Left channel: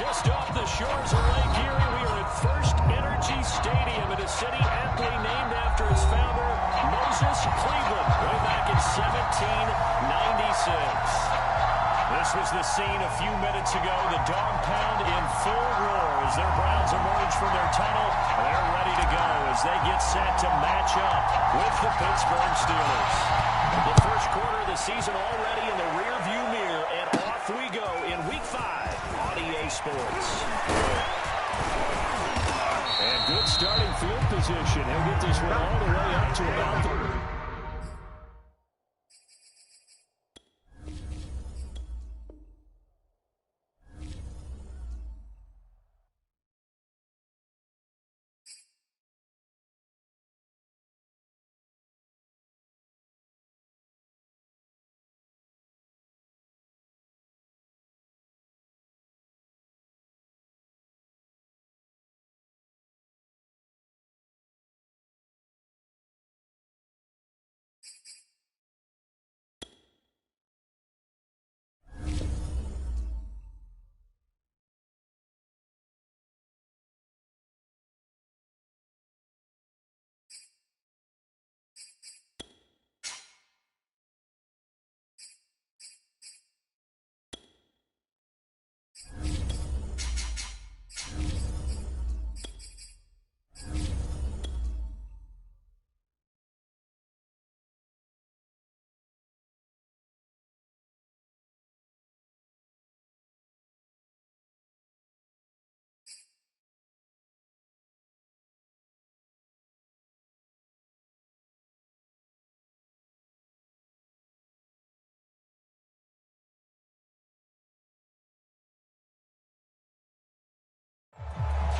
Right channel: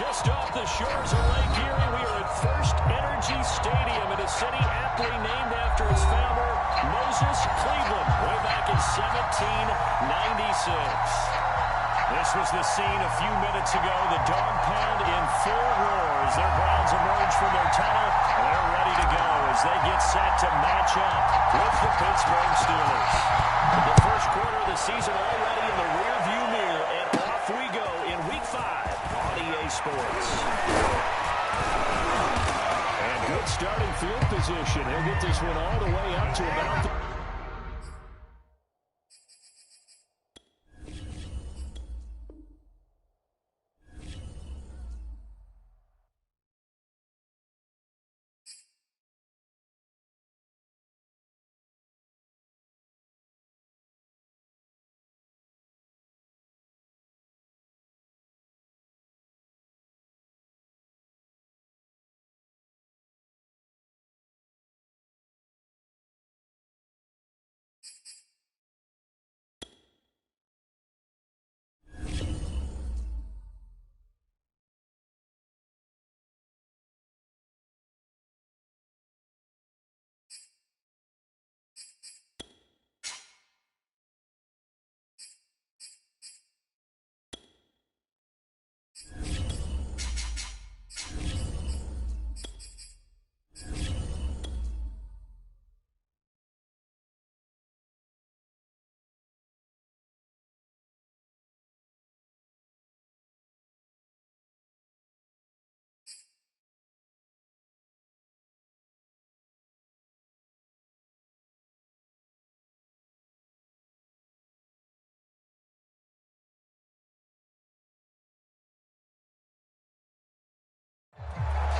Just off the shores of Lake Erie, we are at First Energy Stadium in a city aptly named after its founder, Moses Cleveland, way back in 1796. This was the scene a few minutes ago. The dog pound in full roar as their Browns emerge from their tunnel. And they're ready to go as they get set to match up with the Pittsburgh Steelers. The first quarter of the season already in the rearview mirror, and off we go in Week 5 on EA Sports. And good starting field position. He'll get this one all the way up to about the...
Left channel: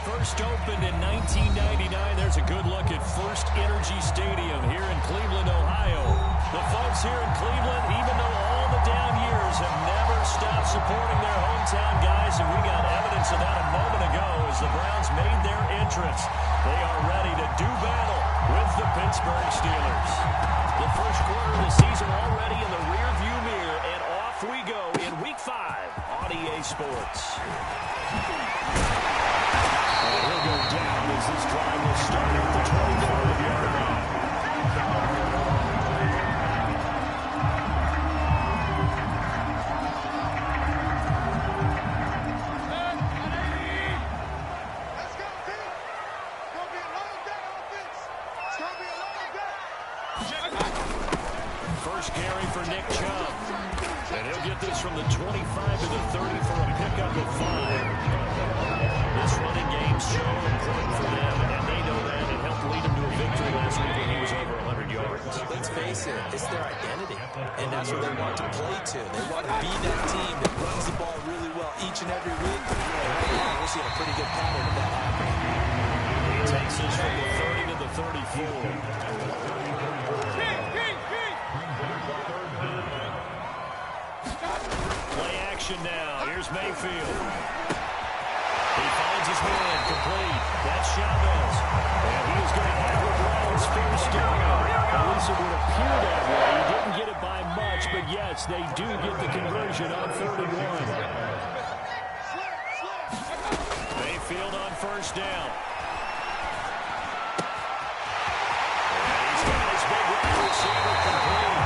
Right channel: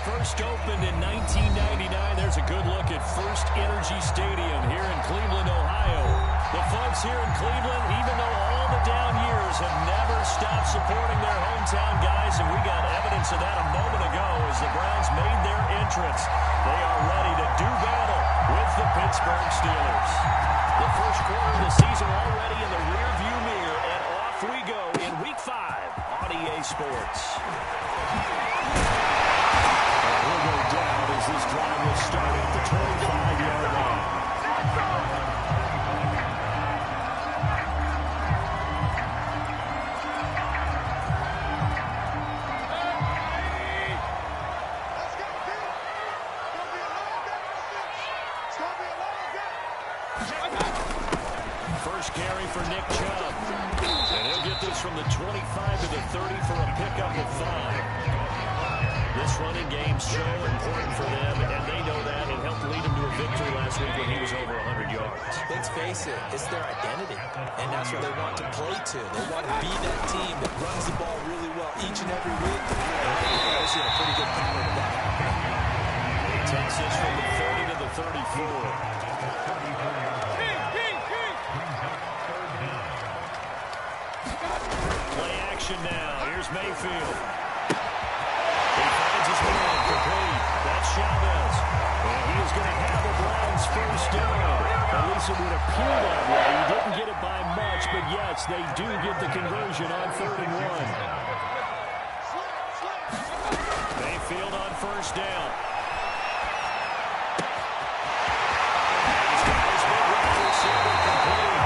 First opened in 1999. There's a good look at First Energy Stadium here in Cleveland, Ohio. The folks here in Cleveland, even though all the down years, have never stopped supporting their hometown guys, and we got evidence of that a moment ago as the Browns made their entrance. They are ready to do battle with the Pittsburgh Steelers. The first quarter of the season already in the rearview mirror, and off we go in Week 5 on EA Sports. And he'll go down as this drive will start at the 25-yard line. Let's go, team. It's going to be a long day, offense. It's going to be a long day. First carry for Nick Chubb. And he'll get this from the 25 to the 30 for a pickup of 5. This running game's so important for them, and they know that. It helped lead them to a victory last week when he was over 100 yards. Let's face it, it's their identity, and that's what they want to play to. They want to be that team that runs the ball really well each and every week. And right now, we're seeing a pretty good pattern of that happening. He takes this from the 30 to the 34. Play action now. Here's Mayfield. He finds his man complete. That's Chavez. And he is going to have a Browns first down. At least it would appear that way. He didn't get it by much, but yes, they do get the conversion on 3rd and 1. Mayfield on first down. And he's got his big wide receiver complete.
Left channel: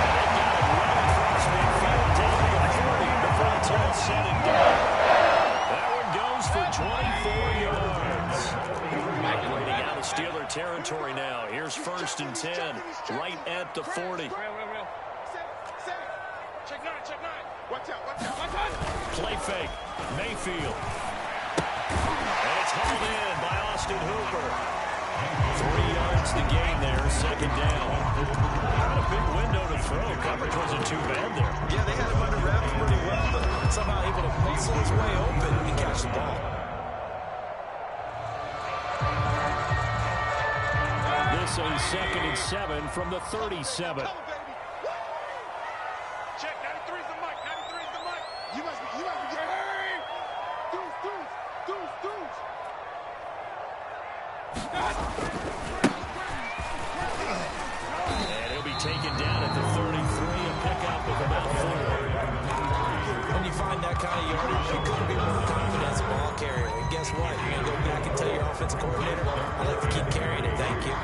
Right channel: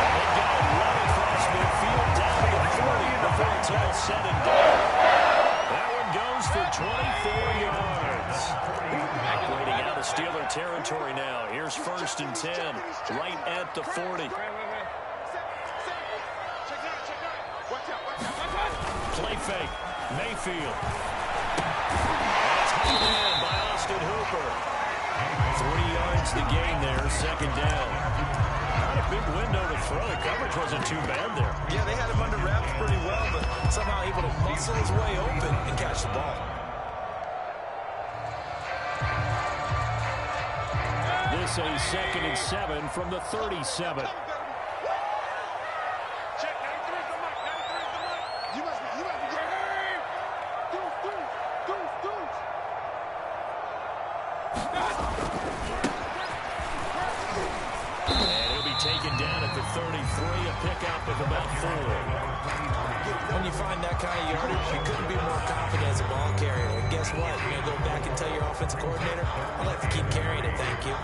And they've got it well across midfield down to the 40 before it's all said and done. That one goes for 24 yards. Operating out of Steeler territory now. Here's 1st and 10, right at the 40. Check nine. Watch out. Play fake. Mayfield. And it's hauled in by Austin Hooper. 3 yards to gain there, 2nd down. Not a big window to throw. Coverage wasn't too bad there. Yeah, they had him under wraps pretty well, but somehow able to muscle his way open and catch the ball. This a 2nd and 7 from the 37. Check, 93 is the mic. You must be getting... Deuce. And he'll be taken down at the 33, a pickup of about 4. When you find that kind of yardage, you couldn't be more confident as a ball carrier. And guess what? You're going to go back and tell your offensive coordinator, I'd like to keep carrying it, thank you.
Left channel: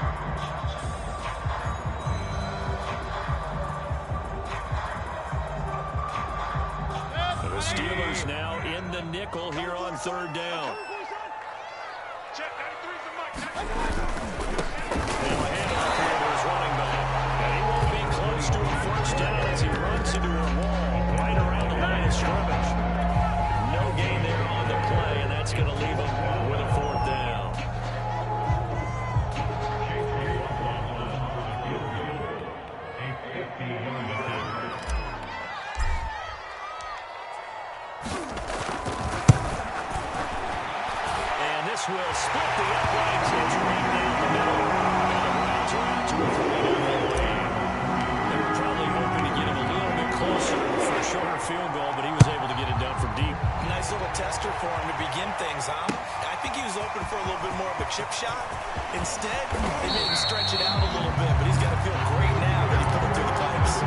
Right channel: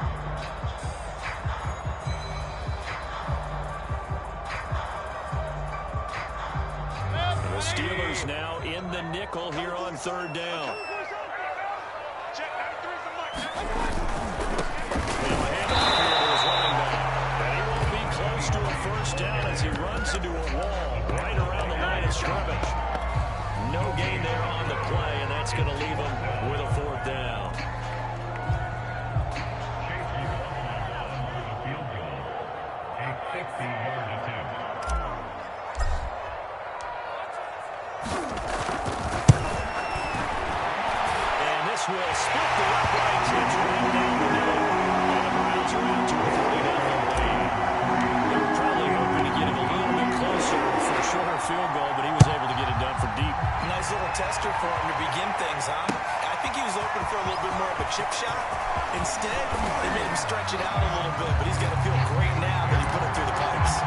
The Steelers now in the nickel here on 3rd down. Check 93 for Mike. They'll hand off here to his running back. And he won't be close to a first down as he runs into a wall right around the line of scrimmage. No gain there on the play, and that's going to leave him with a 4th down. A 50-yard attempt. This will split the uprights. It's right down the middle. And the Browns are out to a 40-0 lead. They were probably hoping to get him a little bit closer for a shorter field goal, but he was able to get it done from deep. Nice little tester for him to begin things, huh? I think he was open for a little bit more of a chip shot. Instead, they made him stretch it out a little bit, but he's got to feel great now that he put it through the pipes.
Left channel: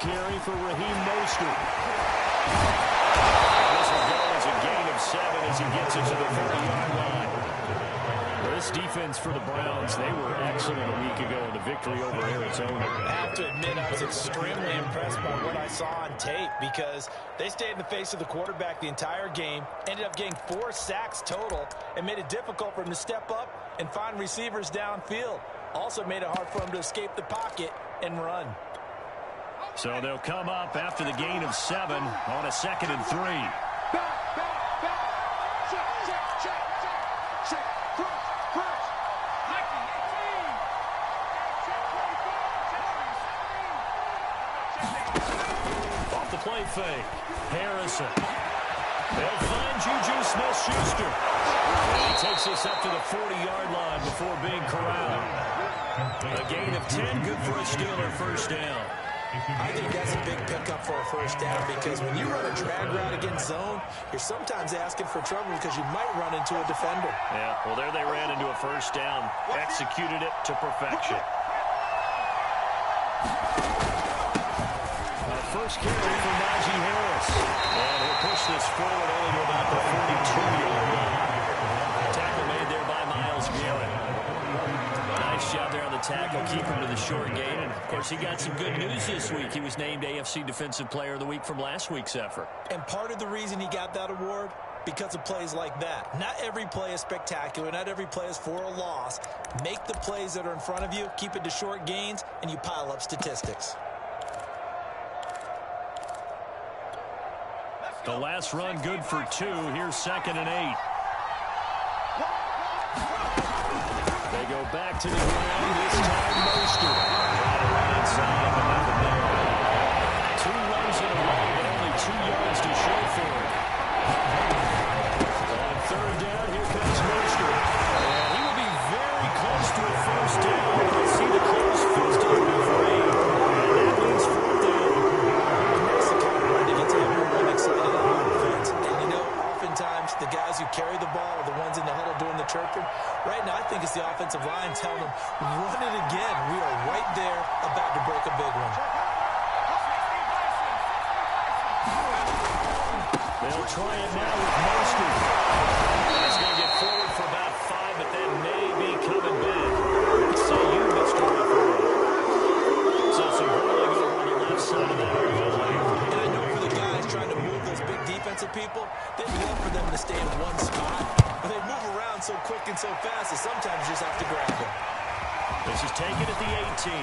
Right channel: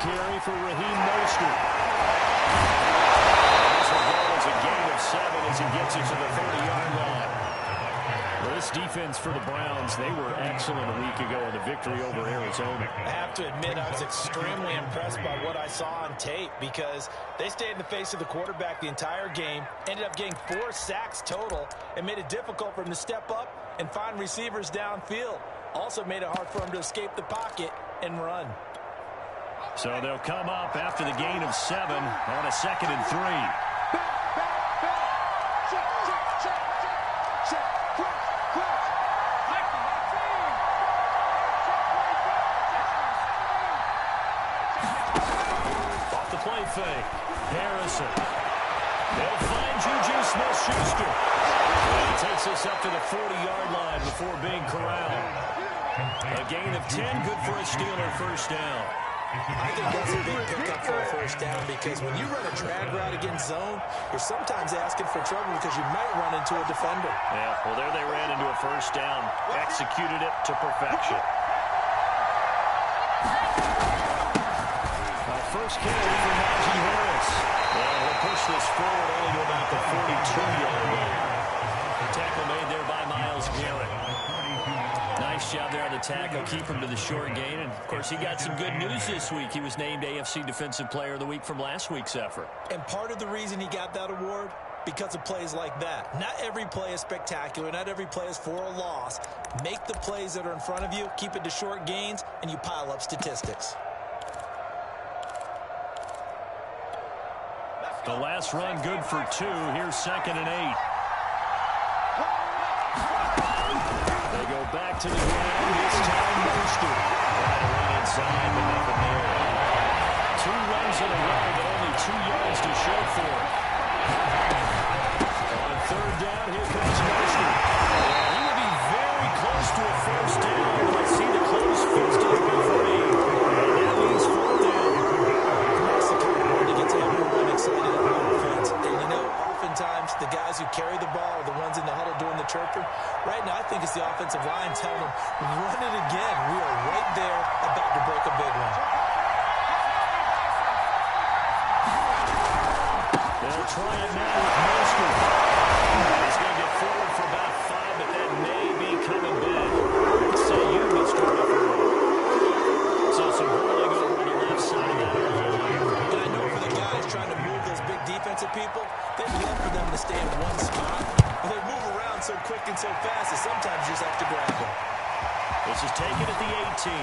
Carry for Raheem Mostert. This will go as a gain of 7 as he gets it to the 30-yard line. Well, this defense for the Browns, they were excellent a week ago in the victory over Arizona. I have to admit, I was extremely impressed by what I saw on tape because they stayed in the face of the quarterback the entire game, ended up getting 4 sacks total, and made it difficult for him to step up and find receivers downfield. Also made it hard for him to escape the pocket and run. So they'll come up after the gain of 7 on a 2nd and 3. Back. Check. Cross. Mikey, 18. Check. Off the play fake. Harrison. They'll find Juju Smith-Schuster. And he takes us up to the 40-yard line before being corralled. A gain of 10, good for a Steeler first down. I think that's a big pickup for a first down because when you run a drag route against zone, you're sometimes asking for trouble because you might run into a defender. Yeah, well, there they ran into a first down, executed it to perfection. First carry for Najee Harris. And he'll push this forward only to about the 42-yard line. Tackle made there by Myles Garrett. Nice job there on the tackle. Keep him to the short gain. And, of course, he got some good news this week. He was named AFC Defensive Player of the Week from last week's effort. And part of the reason he got that award, because of plays like that. Not every play is spectacular. Not every play is for a loss. Make the plays that are in front of you, keep it to short gains, and you pile up statistics. The last run good for 2. Here's 2nd and 8. They go back to the ground. This time Mostert. Try to run inside, but nothing there. 2 runs in a row, but only 2 yards to show for it. On 3rd down, here comes Mostert. And he will be very close to a first down, but I see the closed fist of the referee. And that means 4th down. That's the kind of run that gets everyone excited on offense. And you know, oftentimes the guys who carry the ball are the ones in the huddle doing the chirping. Right now, I think it's the offensive line telling them, run it again. We are right there about to break a big one. They'll try it now with Mostert. He's going to get forward for about 5, but that may be coming back. Say you, Mr. Referee. So some rolling over on the left side of that line. And I know for the guys trying to move those big defensive people, they'd love for them to stay in one spot. But they move around so quick and so fast that sometimes you just have to grab them. This is taken at the 18.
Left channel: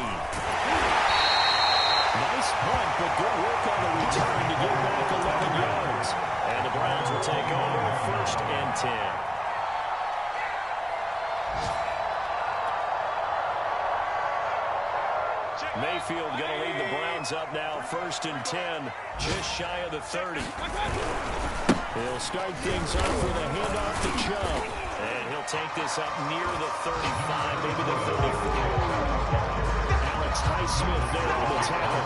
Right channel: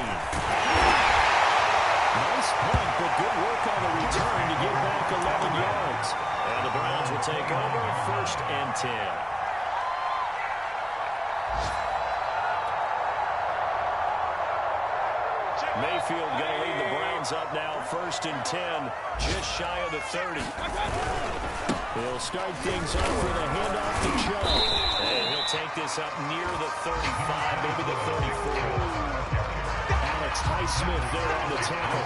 Nice punt, but good work on the return to get back 11 yards. And the Browns will take over 1st and 10. Mayfield going to lead the Browns up now, 1st and 10, just shy of the 30. He'll start things off with a handoff to Chubb. And he'll take this up near the 35, maybe the 34. Alex Highsmith there on the tackle.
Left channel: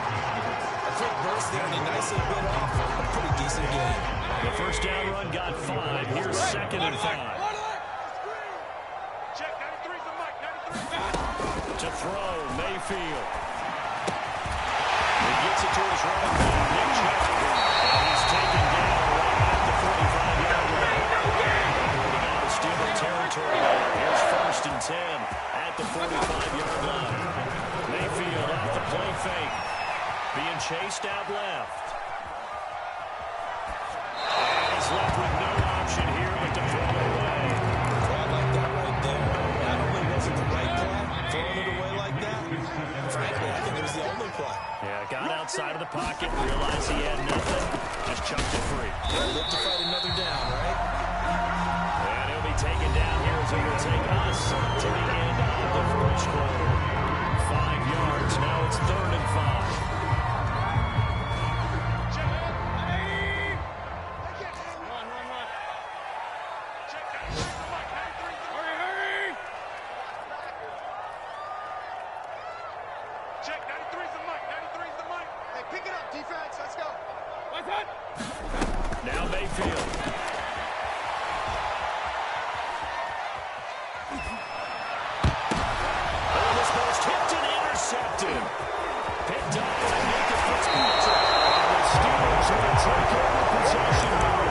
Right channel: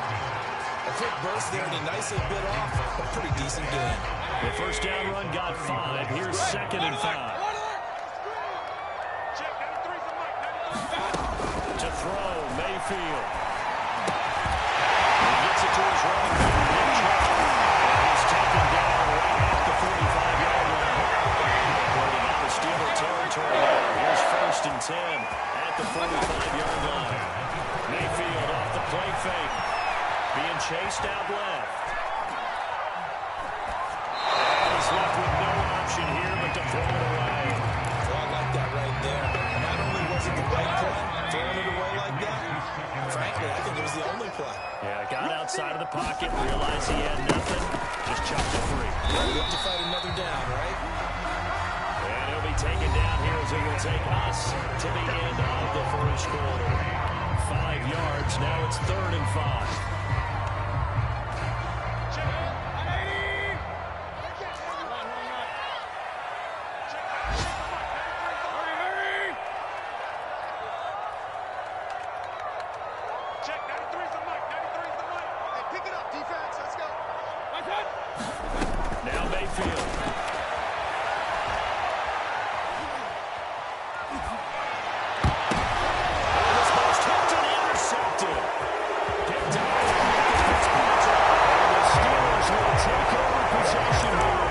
A quick burst there, and he nicely bit off a pretty decent game. The first down run got 5. Here's 2nd and 5. Check, 93's the mic, 93. To throw, Mayfield. He gets it to his running back, Nick Chubb. And he's taken down right at the 45-yard line. Operating out of Steeler territory there. Here's 1st and 10 at the 45-yard line. Mayfield off the play fake. Being chased out left. And he's left with no option here but to throw it away. Well, I like that right there. Not only was it the right play, throwing it away like that, frankly, I think it was the only play. Yeah, got outside of the pocket, realized he had nothing, just chucked it free. Yeah, live to fight another down, right? And he'll be taken down here as it will take us to the end of the first quarter. 5 yards, now it's 3rd and 5. Check, 93's the mic, 93's the mic. Hey, pick it up, defense, let's go. Now Mayfield. Oh, this ball's tipped and intercepted. Picked up by Nick Fitzpatrick. And the Steelers will take over possession here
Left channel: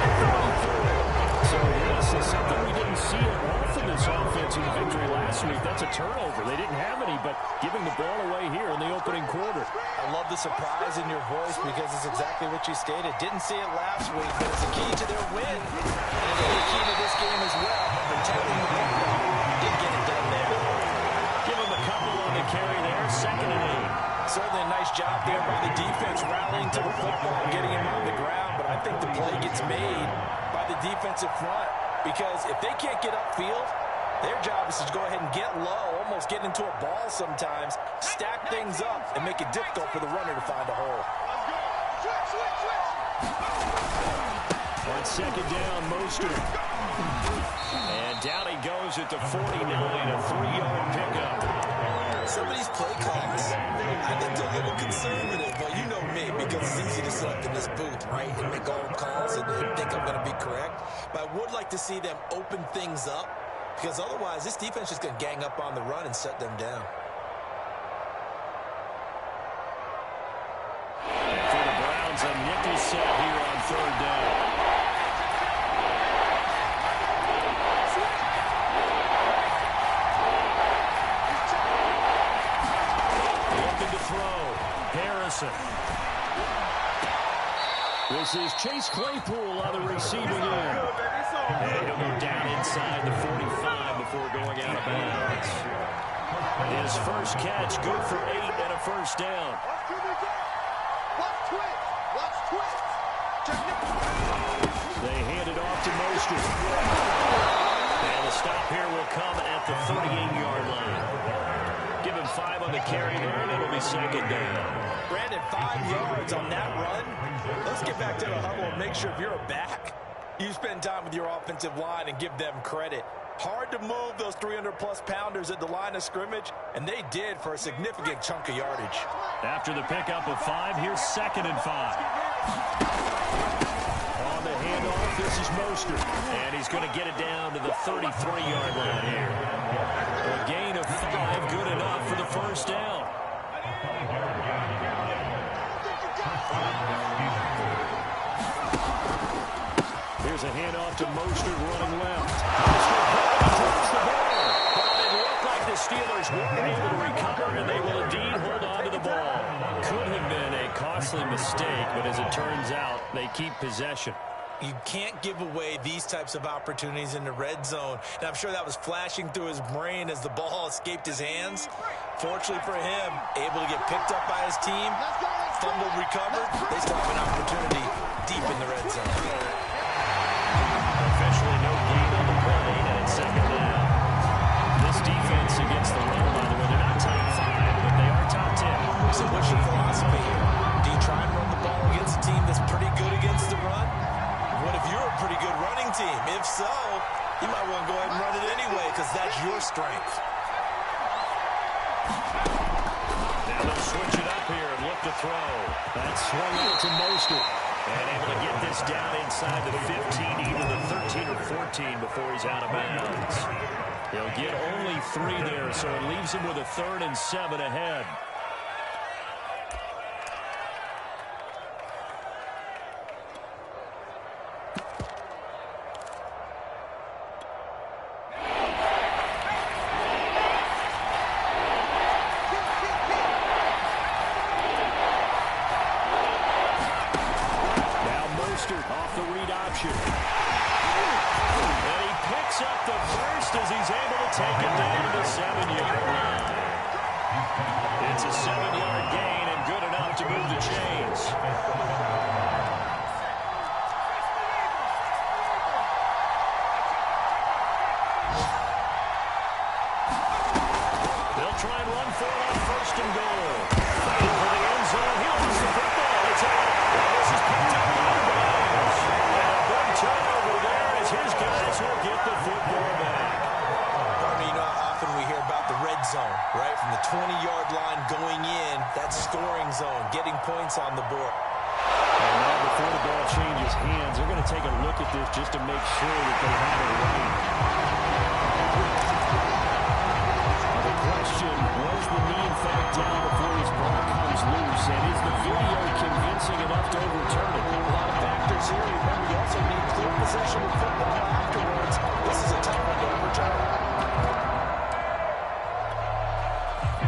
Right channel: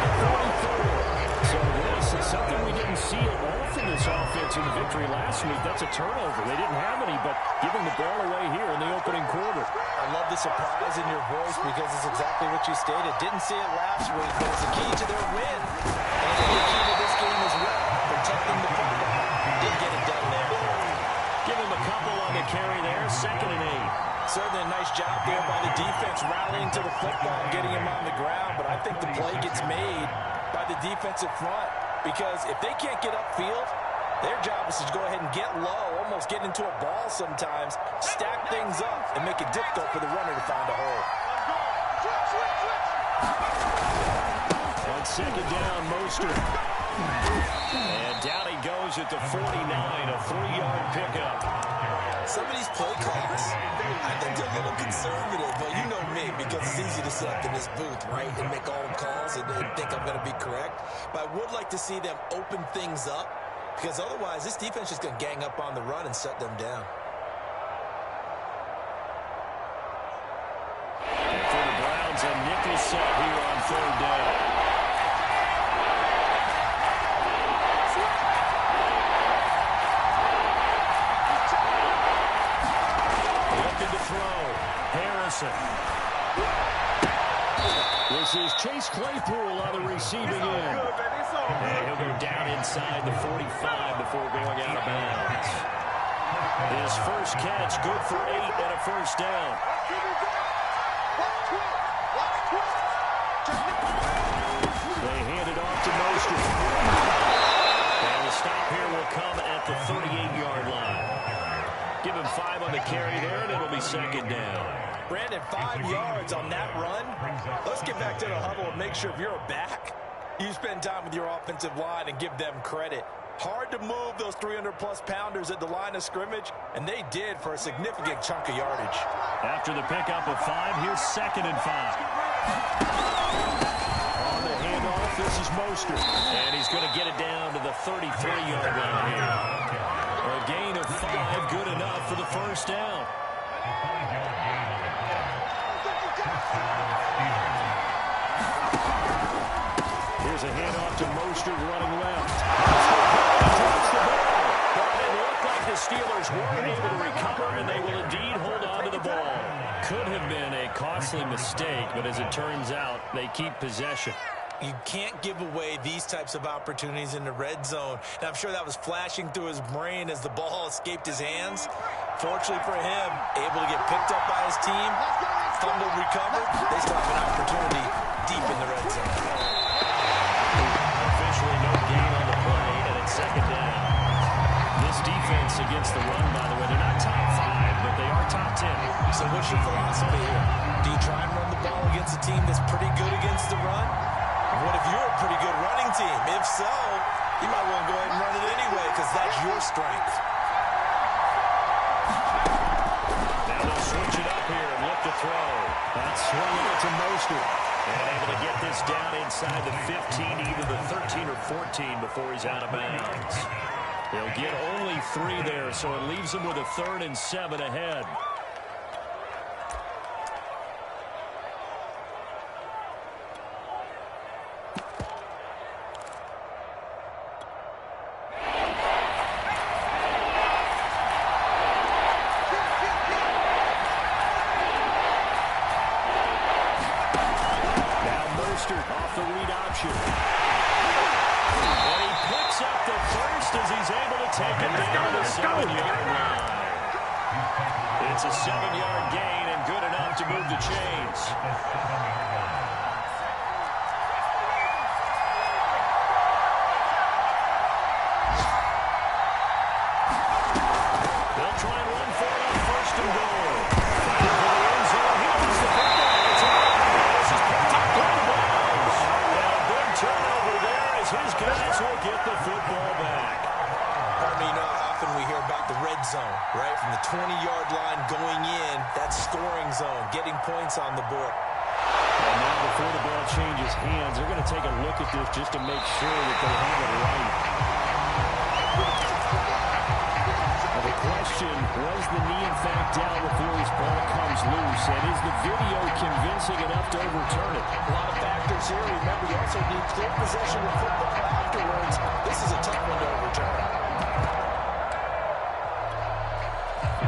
at 44. So this is something we didn't see it often this offense in the victory last week. That's a turnover. They didn't have any, but giving the ball away here in the opening quarter. I love the surprise in your voice because it's exactly what you stated. Didn't see it last week, but it's a key to their win. And it'll be a key to this game as well, protecting the football. Didn't get it done there. Give him a couple on the carry there, 2nd and 8. Certainly a nice job there by the defense, rallying to the football and getting him on the ground, but I think the play gets made by the defensive front because if they can't get upfield, their job is to go ahead and get low, almost get into a ball sometimes, stack things up, and make it difficult for the runner to find a hole. On 2nd down, Mostert. And down he goes at the 49, a 3-yard pickup. Some of these play calls, I think they're a little conservative. Well, you know me, because it's easy to sit up in this booth, right, and make all the calls and think I'm going to be correct. But I would like to see them open things up, because otherwise this defense is going to gang up on the run and shut them down. And for the Browns, a nickel set here on 3rd down. Looking to throw. Harrison. This is Chase Claypool on the receiving end. And he'll go down inside the 45 before going out of bounds. His first catch, good for 8 and a first down. They hand it off to Mostert. And the stop here will come at the 38-yard line. Give him 5 on the carry there, and it'll be 2nd down. Brandon, 5 yards on that run. Let's get back to the huddle and make sure if you're a back, you spend time with your offensive line and give them credit. Hard to move those 300-plus pounders at the line of scrimmage, and they did for a significant chunk of yardage. After the pickup of 5, here's 2nd and 5. On the handoff, this is Mostert. And he's going to get it down to the 33-yard line here. A gain of 5, good enough for the first down. Here's a handoff to Mostert running left. Mostert drops the ball. But it looked like the Steelers weren't able to recover, and they will indeed hold on to the ball. Could have been a costly mistake, but as it turns out, they keep possession. You can't give away these types of opportunities in the red zone. And I'm sure that was flashing through his brain as the ball escaped his hands. Fortunately for him, able to get picked up by his team, fumbled, recovered. They still have an opportunity deep in the red zone. Officially no gain on the play, and it's 2nd down. This defense against the run, by the way, they're not top 5 but they are top 10. So what's your philosophy here? Do you try and run the ball against a team that's pretty good against the run? What if you're a pretty good running team? If so, you might want to go ahead and run it anyway because that's your strength. Now they'll switch it up here and look to throw. That's swung out to Mostert. And able to get this down inside the 15, either the 13 or 14 before he's out of bounds. He'll get only 3 there, so it leaves him with a 3rd and 7 ahead. Off the read option. And he picks up the first as he's able to take it down to the 7-yard line. It's a 7-yard gain and good enough to move the chains. They'll try and run for it on 1st and goal. Fighting for the end zone. He lost the football. It's out. This is picked up by the Browns. And a big turnover there as his guys will get the football back. You know how often we hear about the red zone, right? From the 20-yard line going in, that scoring zone, getting points on the board. And now before the ball changes hands, they're going to take a look at this just to make sure that they have it right. The question, was the knee in fact down before his ball comes loose? And is the video convincing enough to overturn it? A lot of factors here. Remember, you also need clear possession of football afterwards. This is a tough one to overturn.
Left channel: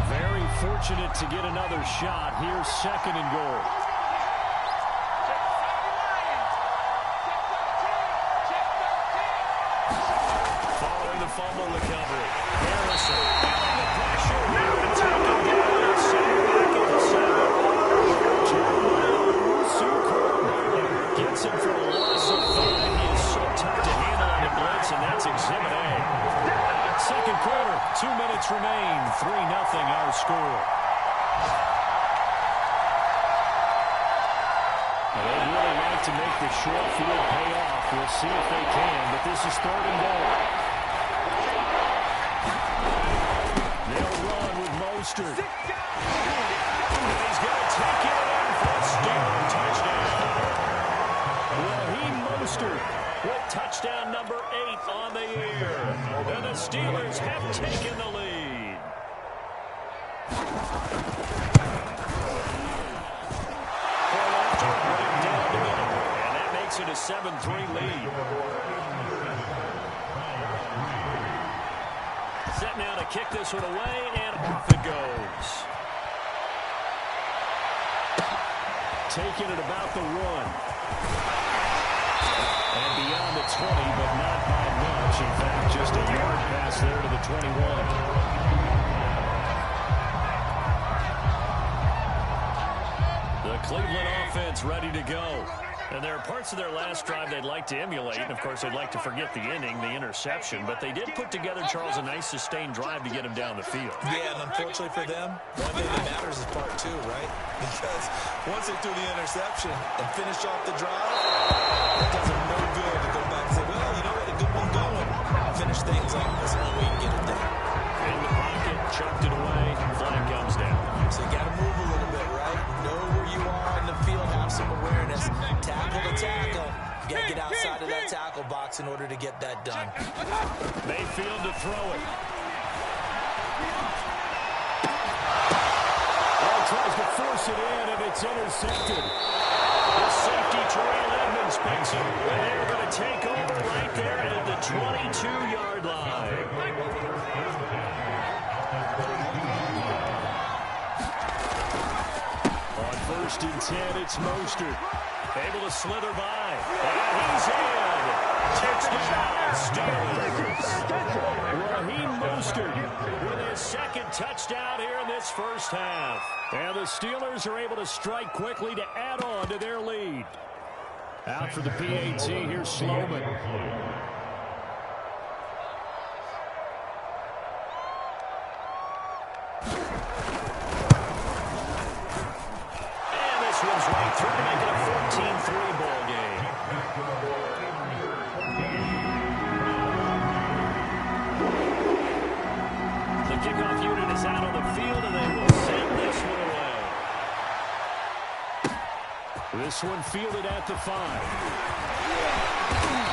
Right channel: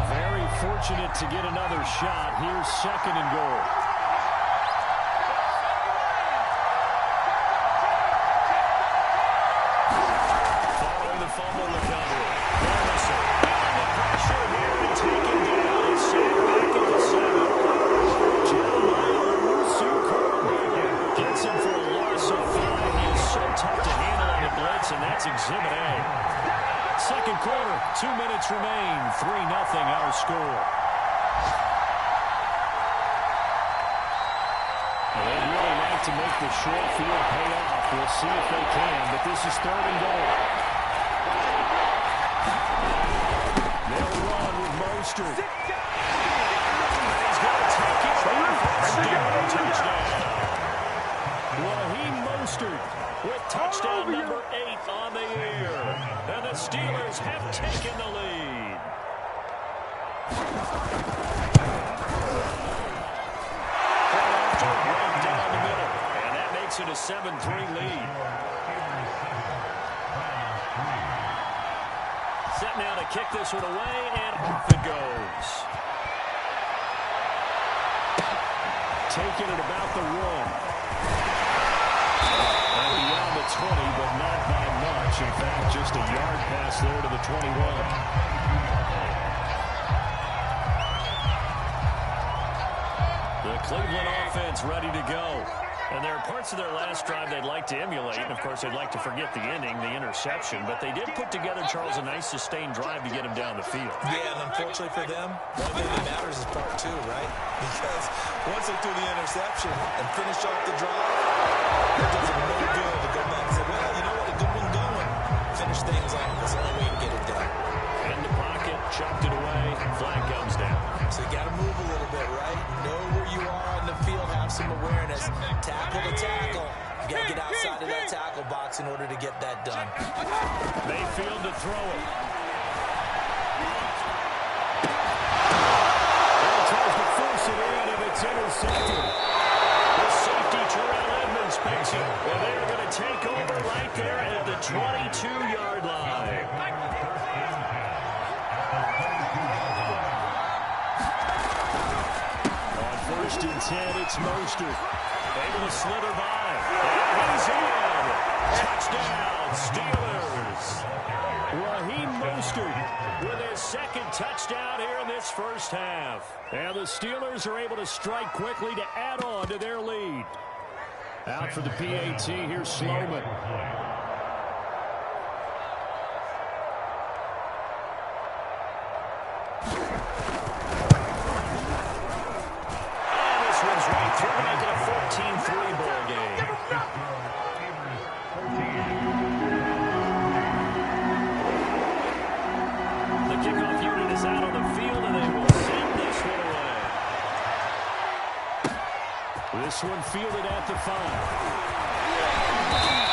Very fortunate to get another shot. Here's 2nd and goal. Following the fumble recovery. Harrison feeling the pressure here and taken down and sent back at the 7. Jeremiah gets him for a loss of 5. He is so tough to handle on the blitz, and that's Exhibit A. 2nd quarter, 2 minutes remain. 3-0 our score. Well, they'd really like to make the short field pay off. We'll see if they can, but this is 3rd and goal. They'll run with Mostert. And he's going to take it in for a Steeler touchdown. Raheem Mostert with touchdown number 8 on the year. And the Steelers have taken the lead. Point after, right down the middle. And that makes it a 7-3 lead. Set now to kick this one away, and off it goes. Taking it about the 1. And beyond the 20, but not by much. In fact, just a yard pass there to the 21. The Cleveland offense ready to go. And there are parts of their last drive they'd like to emulate. And, of course, they'd like to forget the ending, the interception. But they did put together, Charles, a nice sustained drive to get him down the field. Yeah, and unfortunately for them, one thing that matters is part 2, right? Because once they threw the interception and finished off the drive, that does them no good to go back and say, well, you know what, a good one going. Finish things off. That's the only way you can get it done. In the pocket, chucked it away, flag comes down. So you got to move a little bit, right? Know where you are on the field, have some awareness. Tackle to tackle. You got to get outside of that tackle box in order to get that done. Mayfield to throw it. Tries to force it in, and it's intercepted. The safety, Terrell Edmonds, picks it. And they're going to take over right there at the 22-yard line. On 1st and 10, it's Mostert. Able to slither by. And he's in. Touchdown, Steelers. Raheem Mostert with his 2nd touchdown here in this first half. And the Steelers are able to strike quickly to add on to their lead. Out for the PAT, here's Sloman. kickoff unit is out on the field, and they will send this one away. This one fielded at the 5.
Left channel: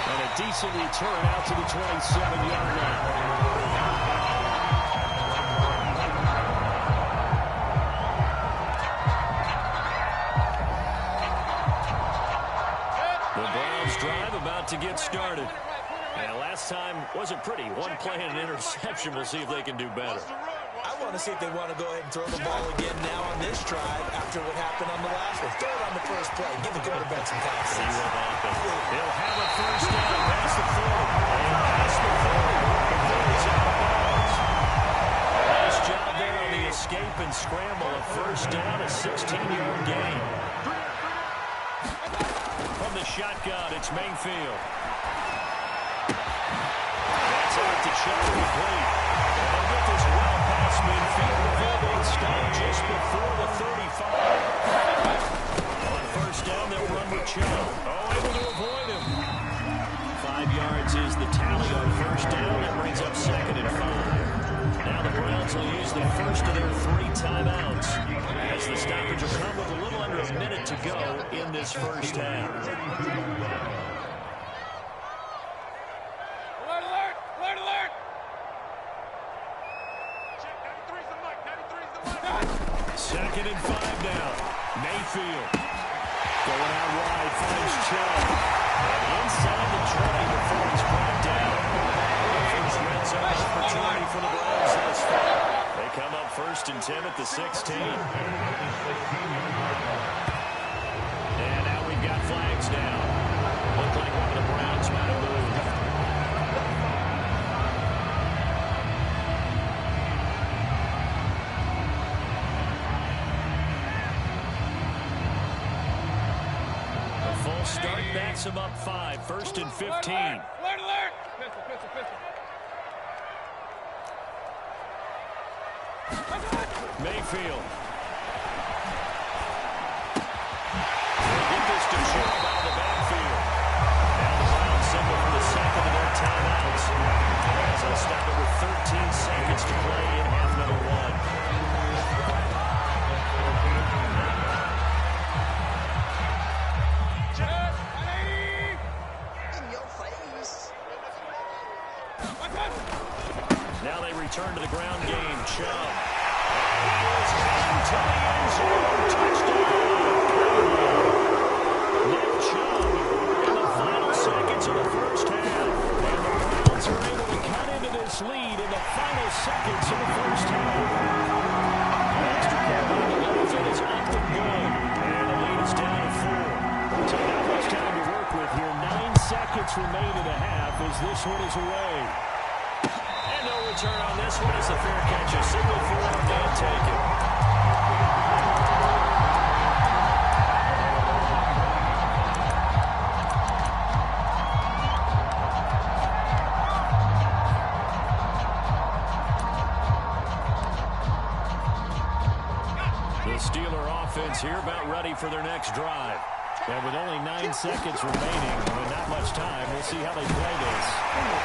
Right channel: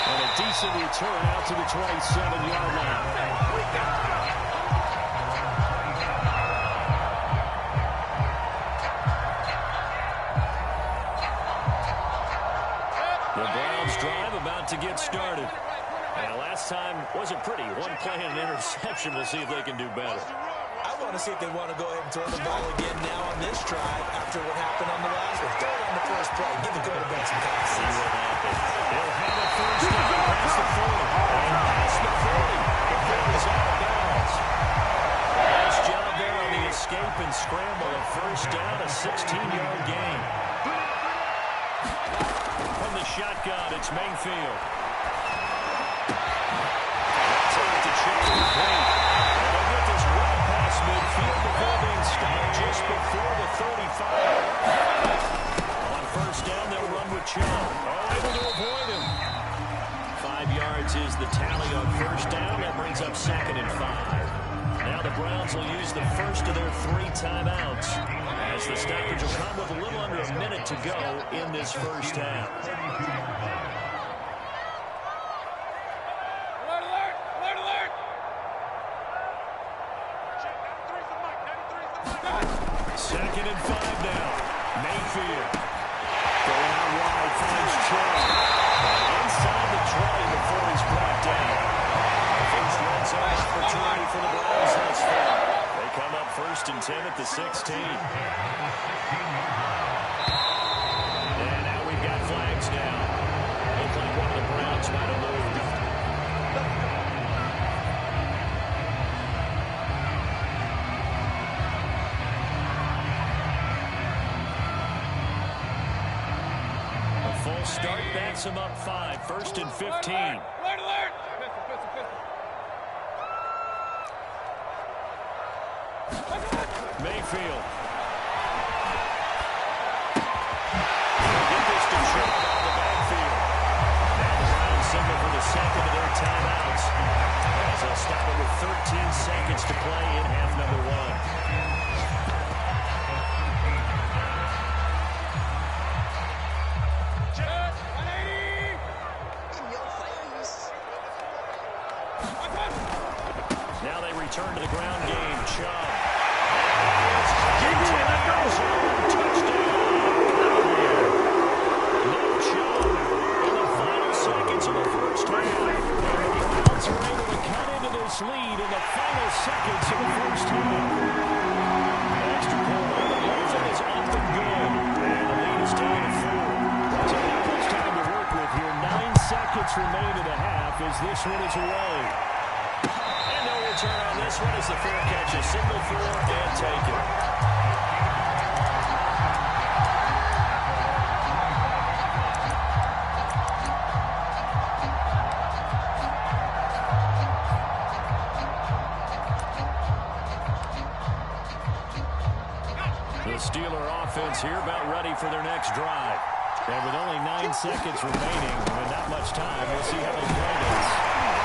And a decent return out to the 27-yard line. The Browns drive about to get started. And last time wasn't pretty. One play and an interception. We'll see if they can do better. I want to see if they want to go ahead and throw the ball again now on this drive after what happened on the last one. Throw it on the first play. Give the quarterback some confidence. See what happens. He'll have a first down past the 40. And past the 40 before he's out of bounds. Nice job there on the escape and scramble. A first down, a 16-yard gain. From the shotgun, it's Mayfield. That's out to Chubb complete. And they'll get this well past midfield before being stopped just before the 35. On first down, they'll run with Chubb. Oh, able to avoid him. 5 yards is the tally on first down. That brings up 2nd and 5. Now the Browns will use the first of their 3 timeouts, as the stoppage will come with a little under a minute to go in this first half. Alert, alert, alert, alert. Check, 93's the mic, 93's the mic. 2nd and 5 now. Mayfield going out wide, finds Chubb. And inside the 20 before he's brought down. First red zone opportunity for the Browns thus far. They come up 1st and 10 at the 16. And now we've got flags down. Looked like one of the Browns might have moved. A full start backs him up 5. 1st and 15. Alert, alert. Pistol, pistol, pistol. Mayfield. They'll get this to Chubb out of the backfield. Now the Browns signal for the 2nd of their timeouts, as they'll stop it with 13 seconds to play in half number 1. Check, 180. In your face. Now they return to the ground game. Chubb. And he is into the end zone. Touchdown. Nick Chubb in the final seconds of the first half. And the Browns are able to cut into this lead in the final seconds of the first half. The extra point on the left is up and good. And the lead is down to 4. So not much time to work with here. 9 seconds remain in the half as this one is away. And no return on this one as the fair catch is signaled for and taken. The Steeler offense here about ready for their next drive. And with only 9 seconds remaining, with not much time, we'll see how they play this.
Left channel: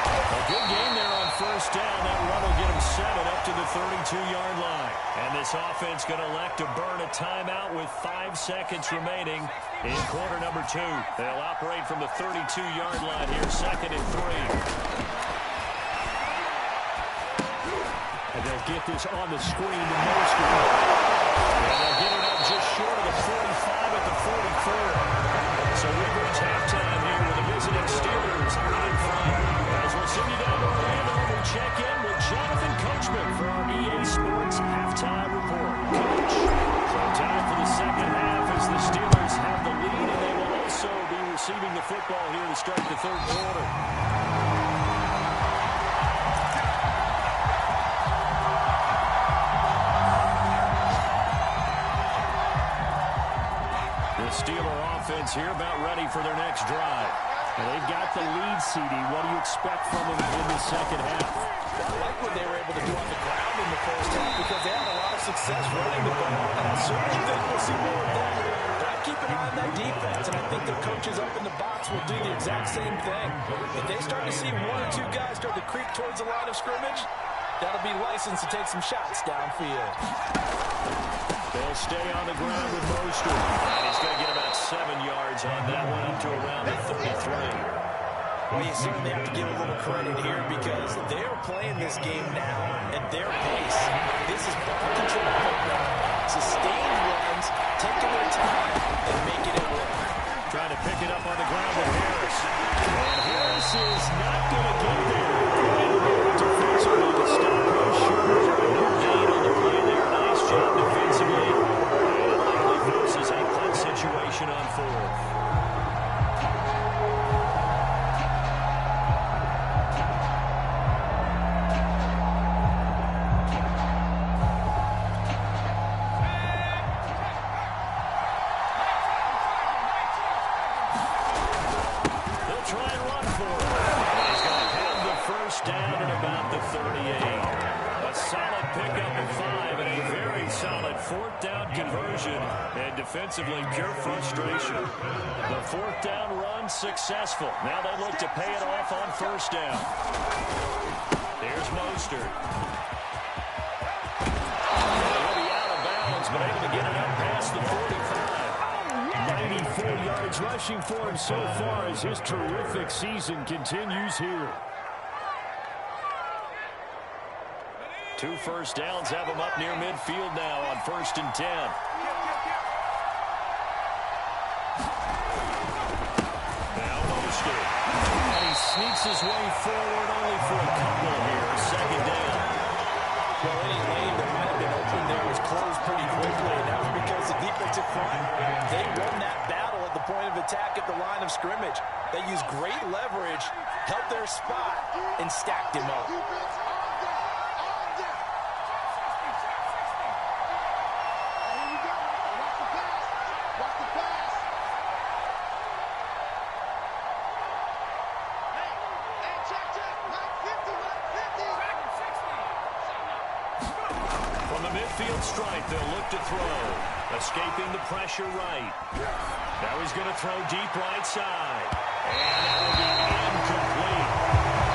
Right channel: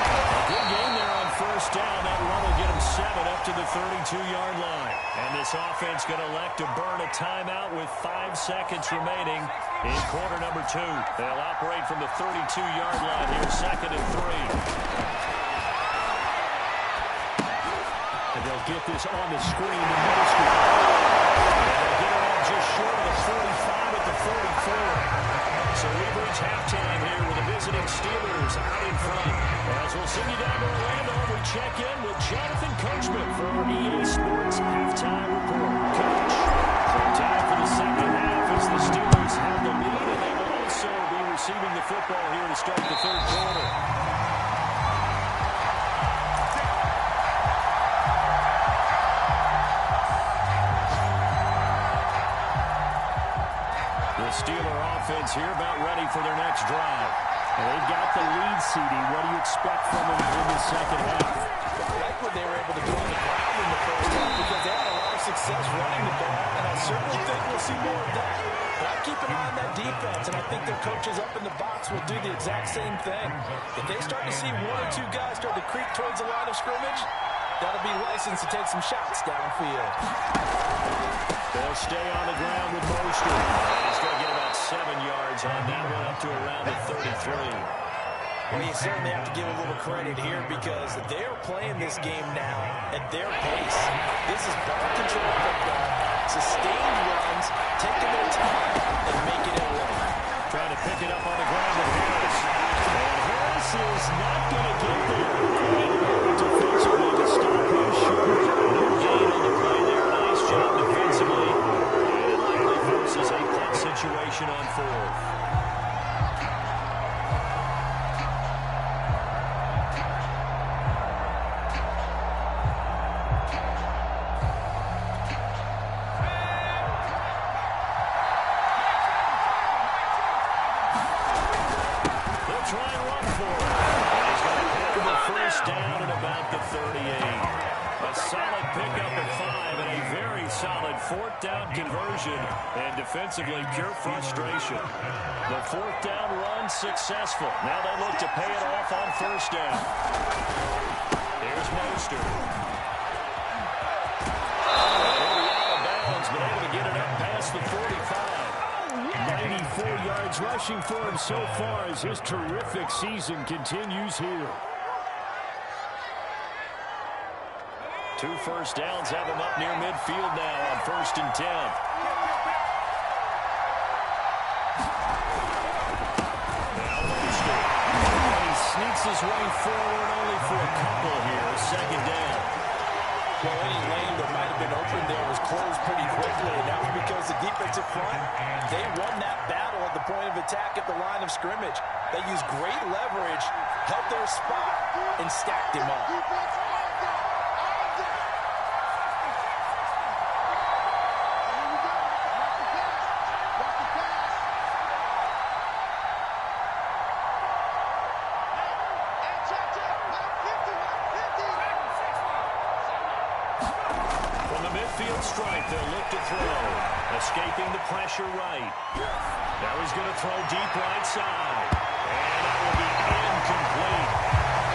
A good game there on first down. That run will get them 7 up to the 32-yard line. And this offense going to elect to burn a timeout with 5 seconds remaining in quarter number 2. They'll operate from the 32-yard line here, 2nd and 3. And they'll get this on the screen to Mostert. And they'll get it up just short of the 45 at the 44. So we've reached halftime here with the visiting Steelers out in front. As we'll send you down to Orlando, we check in with Jonathan Coachman for our EA Sports Halftime Report. Coach, so time for the second half as the Steelers have the lead, and they will also be receiving the football here to start the third quarter. The Steeler offense here about ready for their next drive. And they've got the lead, CD. What do you expect from them in the second half? I like what they were able to do on the ground in the first half because they had a lot of success running the ball, and I certainly think we'll see more of that. But I keep an eye on that defense, and I think their coaches up in the box will do the exact same thing. If they start to see 1 or 2 guys start to creep towards the line of scrimmage, that'll be licensed to take some shots downfield. They'll stay on the ground with Mostert. And he's going to get about 7 yards on that one, up to around the 33. Well, you certainly have to give a little credit here because they're playing this game now at their pace. This is ball control football, sustained runs, taking their time, and making it work. Trying to pick it up on the ground with Harris. And Harris is not going to get there. Defensive on the stop. Sure. No gain on the play there. Nice job defensively. And it likely forces a punt situation on 4th. Down at about the 38. A solid pickup of 5 and a very solid 4th down conversion. And defensively, pure frustration. The 4th down run successful. Now they look to pay it off on 1st down. Here's Mostert. He'll be out of bounds, but able to get it up past the 45. 94 yards rushing for him so far as his terrific season continues here. 2 first downs have him up near midfield now on 1st and 10. Now Mostert. And he sneaks his way forward only for a couple here. 2nd down. Well, any lane that might have been open there was closed pretty quickly, and that was because the defensive front, they won that battle at the point of attack at the line of scrimmage. They used great leverage, held their spot, and stacked him up. Midfield strike, they'll look to throw. Escaping the pressure right. Now he's going to throw deep right side. And that will be incomplete.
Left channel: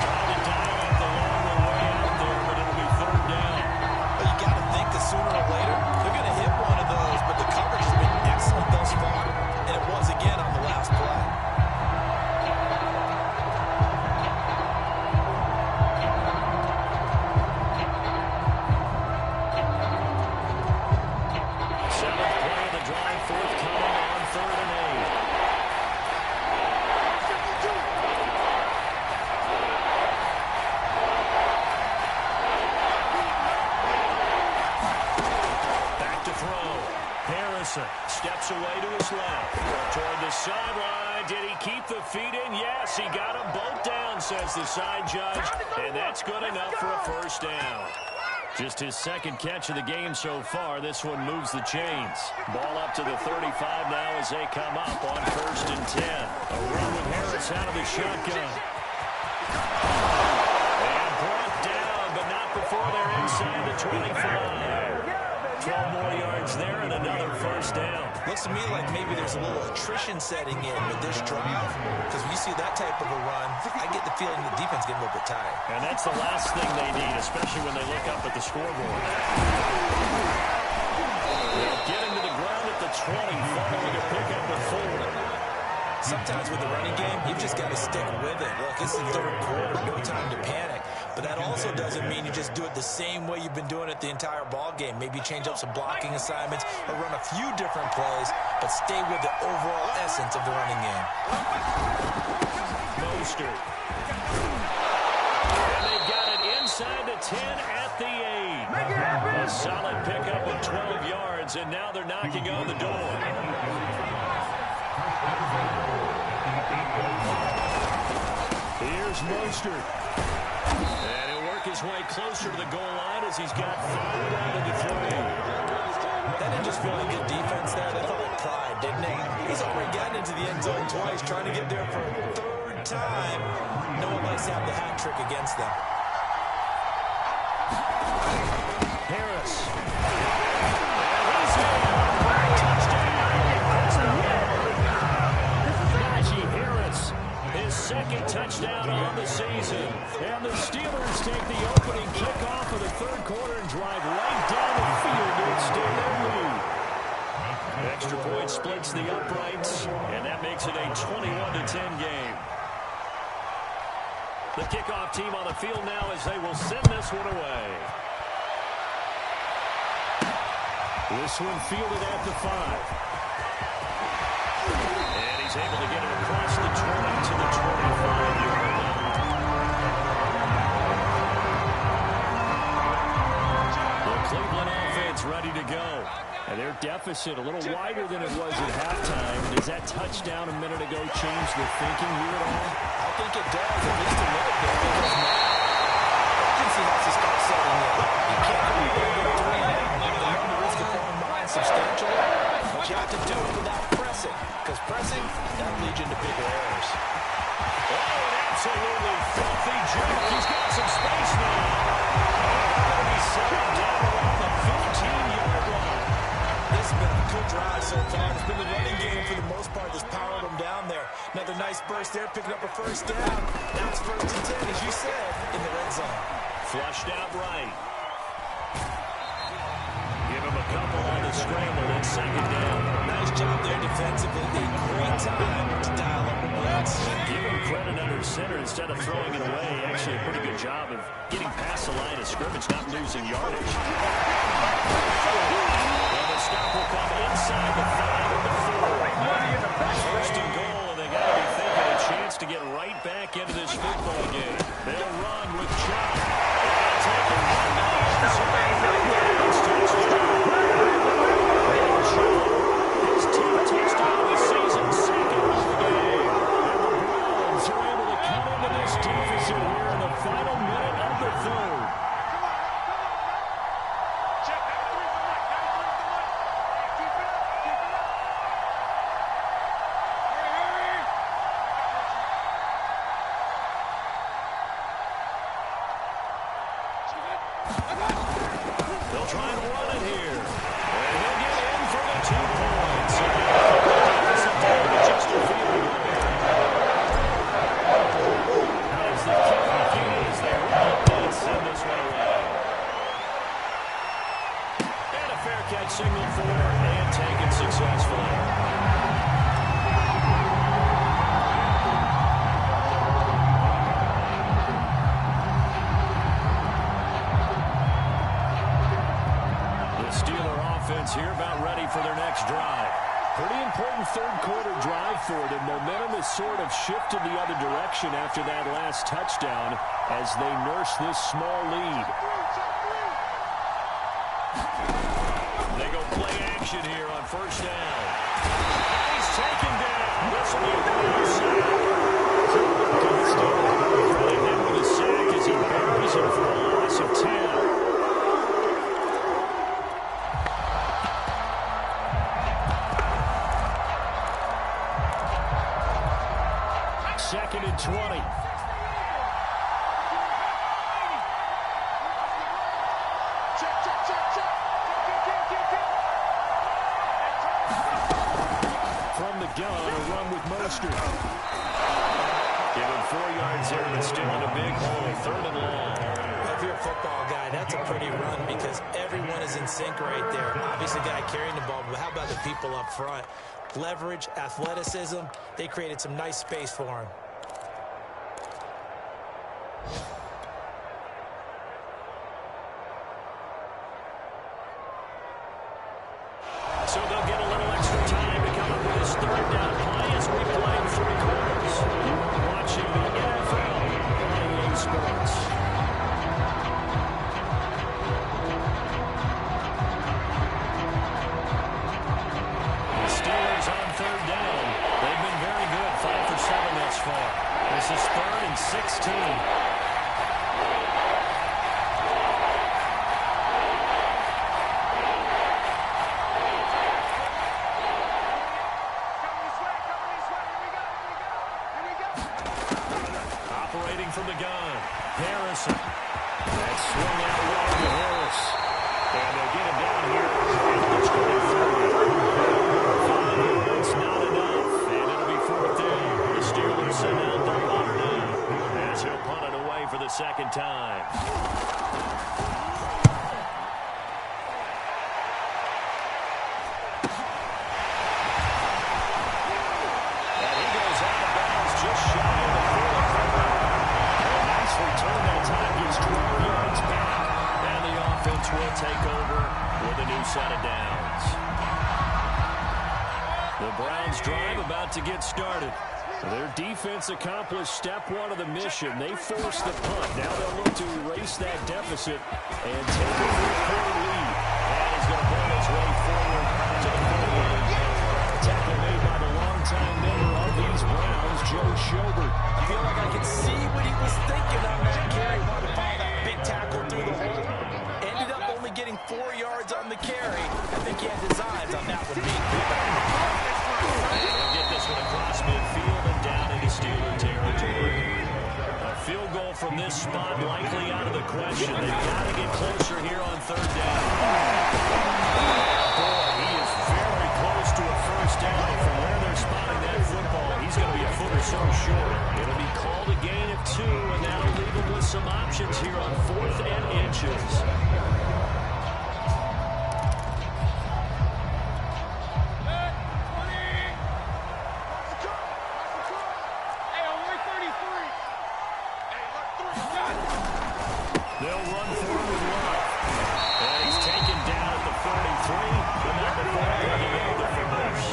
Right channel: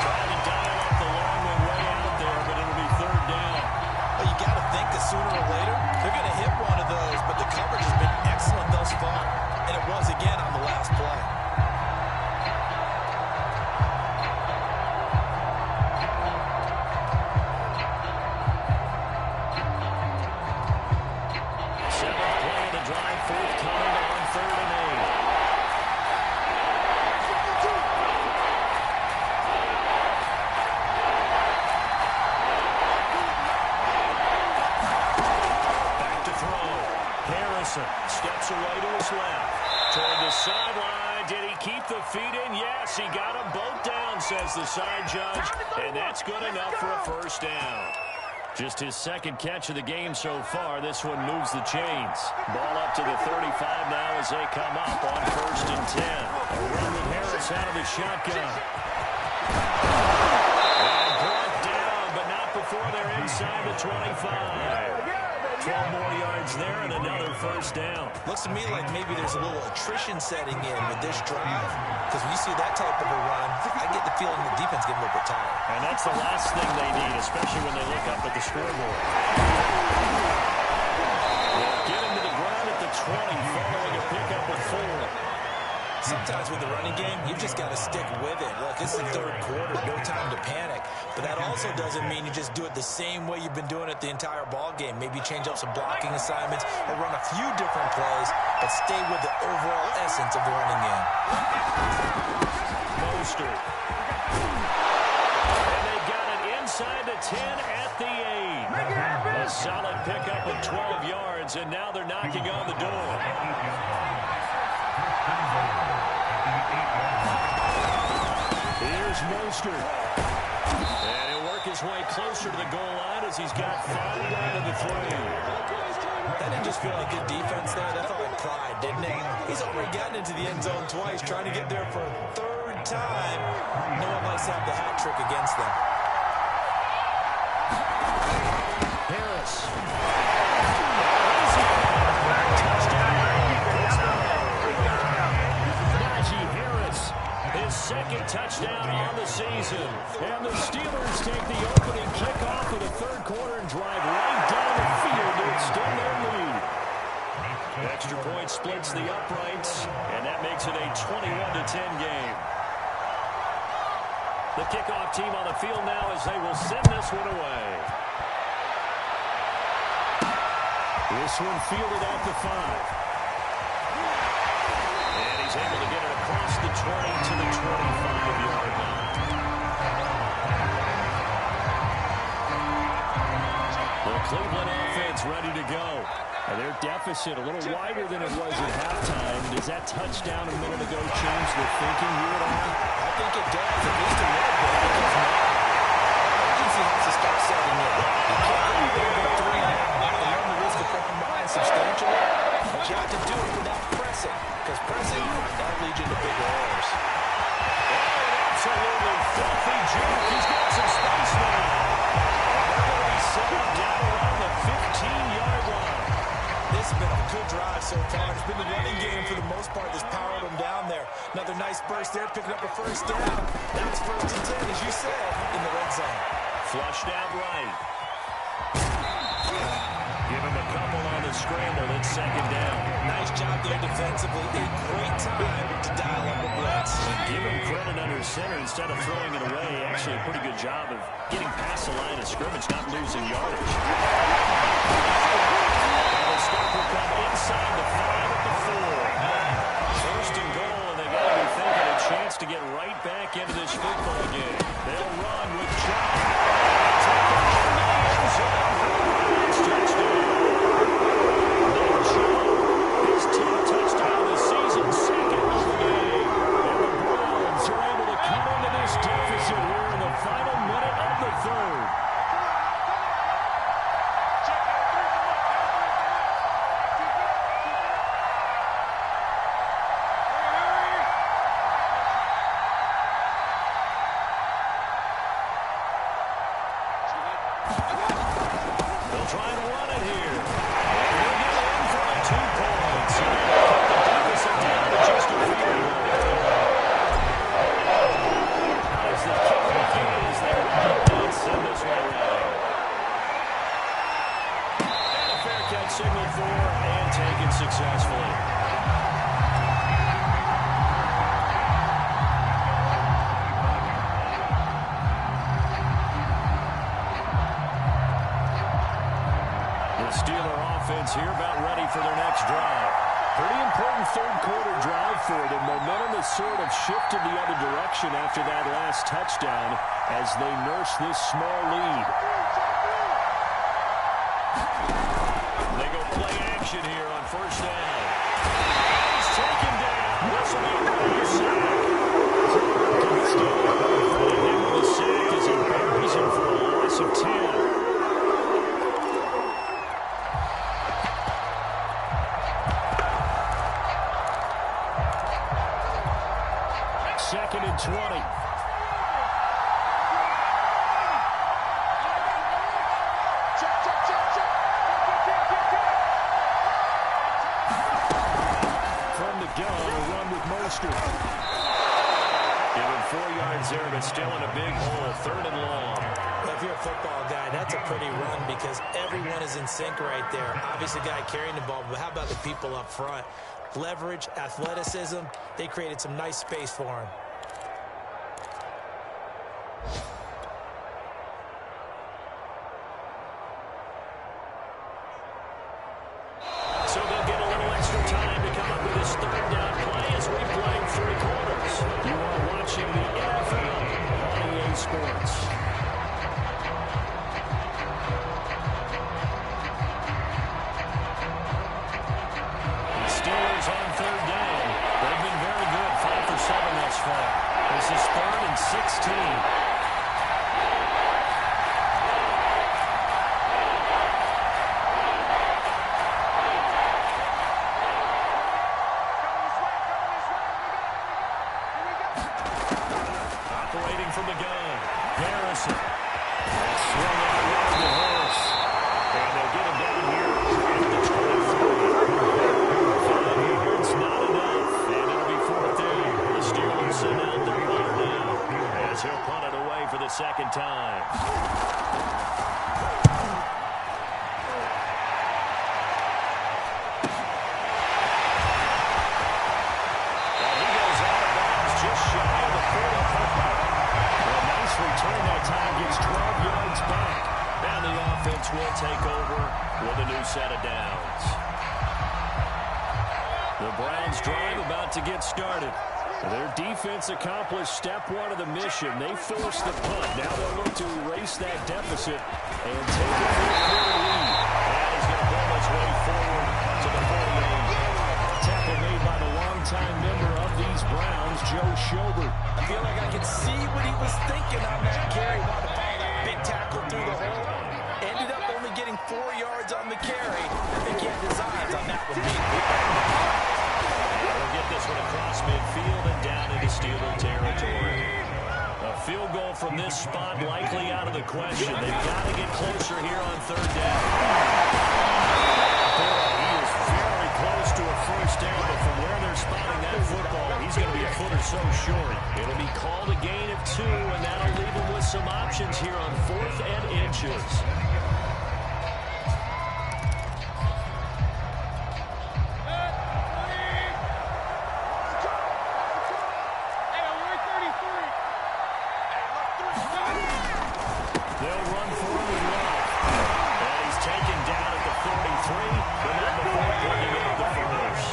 Trying to dial up the long one way out there, but it'll be 3rd down. Well, you got to think that sooner or later, they're going to hit one of those, but the coverage has been excellent thus far, and it was again on the last play. Forthcoming on 3rd and 8. Back to throw. Harrison steps away to his left. Toward the sideline. Did he keep the feet in? Yes, he got them both down, says the side judge. And that's good enough for a 1st down. Just his 2nd catch of the game so far. This one moves the chains. Ball up to the 35 now as they come up on 1st and 10. A run with Harris out of the shotgun. And brought down, but not before they're inside the 25. 12 more yards there and another 1st down. Looks to me like maybe there's a little attrition setting in with this drive. Because when you see that type of a run, I get the feeling the defense getting a little bit tired. And that's the last thing they need, especially when they look up at the scoreboard. They'll get him to the ground at the 20, following a pickup of 4. Sometimes with the running game, you've just got to stick with it. Look, it's the 3rd quarter, no time to panic. But that also doesn't mean you just do it the same way you've been doing it the entire ball game. Maybe change up some blocking assignments or run a few different plays, but stay with the overall essence of the running game. Mostert. And they got it inside the 10 at the 8. A solid pickup of 12 yards, and now they're knocking on the door. Here's Mostert. And he'll work his way closer to the goal line as he's got 5 down to the 3. That didn't just feel like good defense there. That felt like pride, didn't it? He's already gotten into the end zone twice, trying to get there for a 3rd time. No one likes to have the hat trick against them. Harris. And he's in. Touchdown. Najee Harris. His second touchdown on the season. And the Steelers take the opening kickoff of the third quarter and drive right down the field to extend their lead. Extra point splits the uprights, and that makes it a 21-10 game. The kickoff team on the field now as they will send this one away. This one fielded at the 5. And he's able to get it across the 20 to the 25-yard line. The Cleveland offense ready to go. And their deficit a little wider than it was at halftime. Does that touchdown a minute ago change the thinking here at all? I think it does, at least a little bit, because now urgency has to start setting in. You can't go there and go 3 and out and run the risk of falling behind substantially, but you have to do it without pressing, because pressing, that'll lead you into bigger errors. Oh, an absolutely filthy joke. He's got some space now. And they're going to be set up down around the 15-yard line. This has been a good drive so far. It's been the running game for the most part that's powered them down there. Another nice burst there, picking up a first down. Now it's 1st and 10, as you said, in the red zone. Flushed out right. Give him a couple on the scramble. It's 2nd down. Nice job there defensively. A great time to dial up the blitz. And give him credit under center instead of throwing it away. Actually, a pretty good job of getting past the line of scrimmage, not losing yardage. And the stop will come inside the 5 at the 4. 1st and goal, and they got to be thinking a chance to get right back into this football game. They'll run with Chop. They'll take it into the end zone for the Browns touchdown. Nick Chubb, his 10th touchdown of the season, 2nd of the game. And the Browns are able to cut into this deficit here in the final minute of the 3rd. Check, down 3 for Mike, down 3 for Mike. Hey, keep it up, keep it up. Hurry, hurry. They'll try and run it here. And they'll get in for the 2 points. And they'll cut the deficit down to just a field goal. How does the kick compute as they run and send this one away? And a fair catch signaled for and taken successfully. Steeler offense here about ready for their next drive. Pretty important third quarter drive for them. Momentum has sort of shifted the other direction after that last touchdown as they nurse this small lead. They go play action here on 1st down. And he's taken down. This will be a Brown sack. Credit him with a sack as he buries him for a loss of 10. 2nd and 20. From the gun, a run with Mostert. Give him 4 yards there, but still in a big hole. 3rd and long. Well, if you're a football guy, that's a pretty run because everyone is in sync right there. Obviously, the guy carrying the ball, but how about the people up front? Leverage, athleticism, they created some nice space for him. So they'll get a little extra time to come up with this 3rd down play as we play 3 quarters. You are watching the NFL on EA Sports. The Steelers on 3rd down. They've been very good, 5 for 7 thus far. This is 3rd and 16. From the gun, Harrison. That's swung out wide to Harris. And they'll get him down here at the 23. 5 yards, not enough. And it'll be 4th down. The Steelers send out their punter now, as he'll punt it away for the second time. And he goes out of bounds just shy of the 45. A nice return that time, gets 12 yards back. And the offense will take over with a new set of downs. The Browns drive about to get started. Their defense accomplished step one of the mission. They forced the punt. Now they'll look to erase that deficit and take a 3-quarter lead. And he's going to pull his way forward to the 48. Tackle made by the longtime member of these Browns, Joe Schobert. I feel like I could see what he was thinking on that carry. Wanted to follow that big tackle through the hole. Ended up only getting 4 yards on the carry. I think he had designs on that one being big. They'll get this one across midfield and down into Steeler territory. A field goal from this spot likely out of the question. They've got to get closer here on third down. Boy, he is very close to a first down, but from where they're spotting that football, he's going to be a foot or so short. It'll be called a gain of 2, and that'll leave him with some options here on 4th and inches. They'll run for him with Love. And he's taken down at the 43, but not before bringing up the first.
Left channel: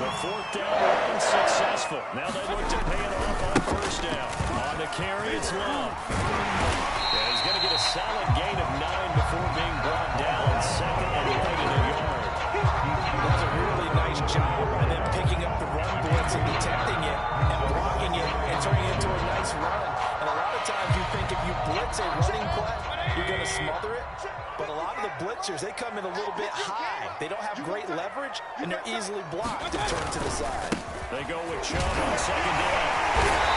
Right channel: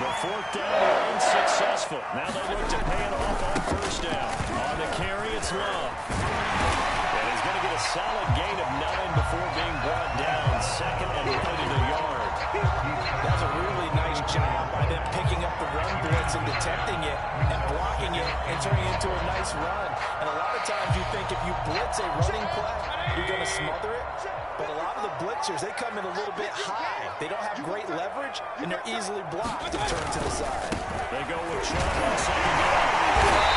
The 4th down run successful. Now they look to pay it off on first down. On the carry, it's Love. And he's going to get a solid gain of 9 before being brought down. Second and right in a yard. That was a really nice job by them picking up the run blitz and detecting it and blocking it and turning it into a nice run. And a lot of times you think if you blitz a running play, you're going to smother it. But a lot of the blitzers, they come in a little bit high. They don't have great leverage, and they're easily blocked and turned to the side. They go with Chubb on second down.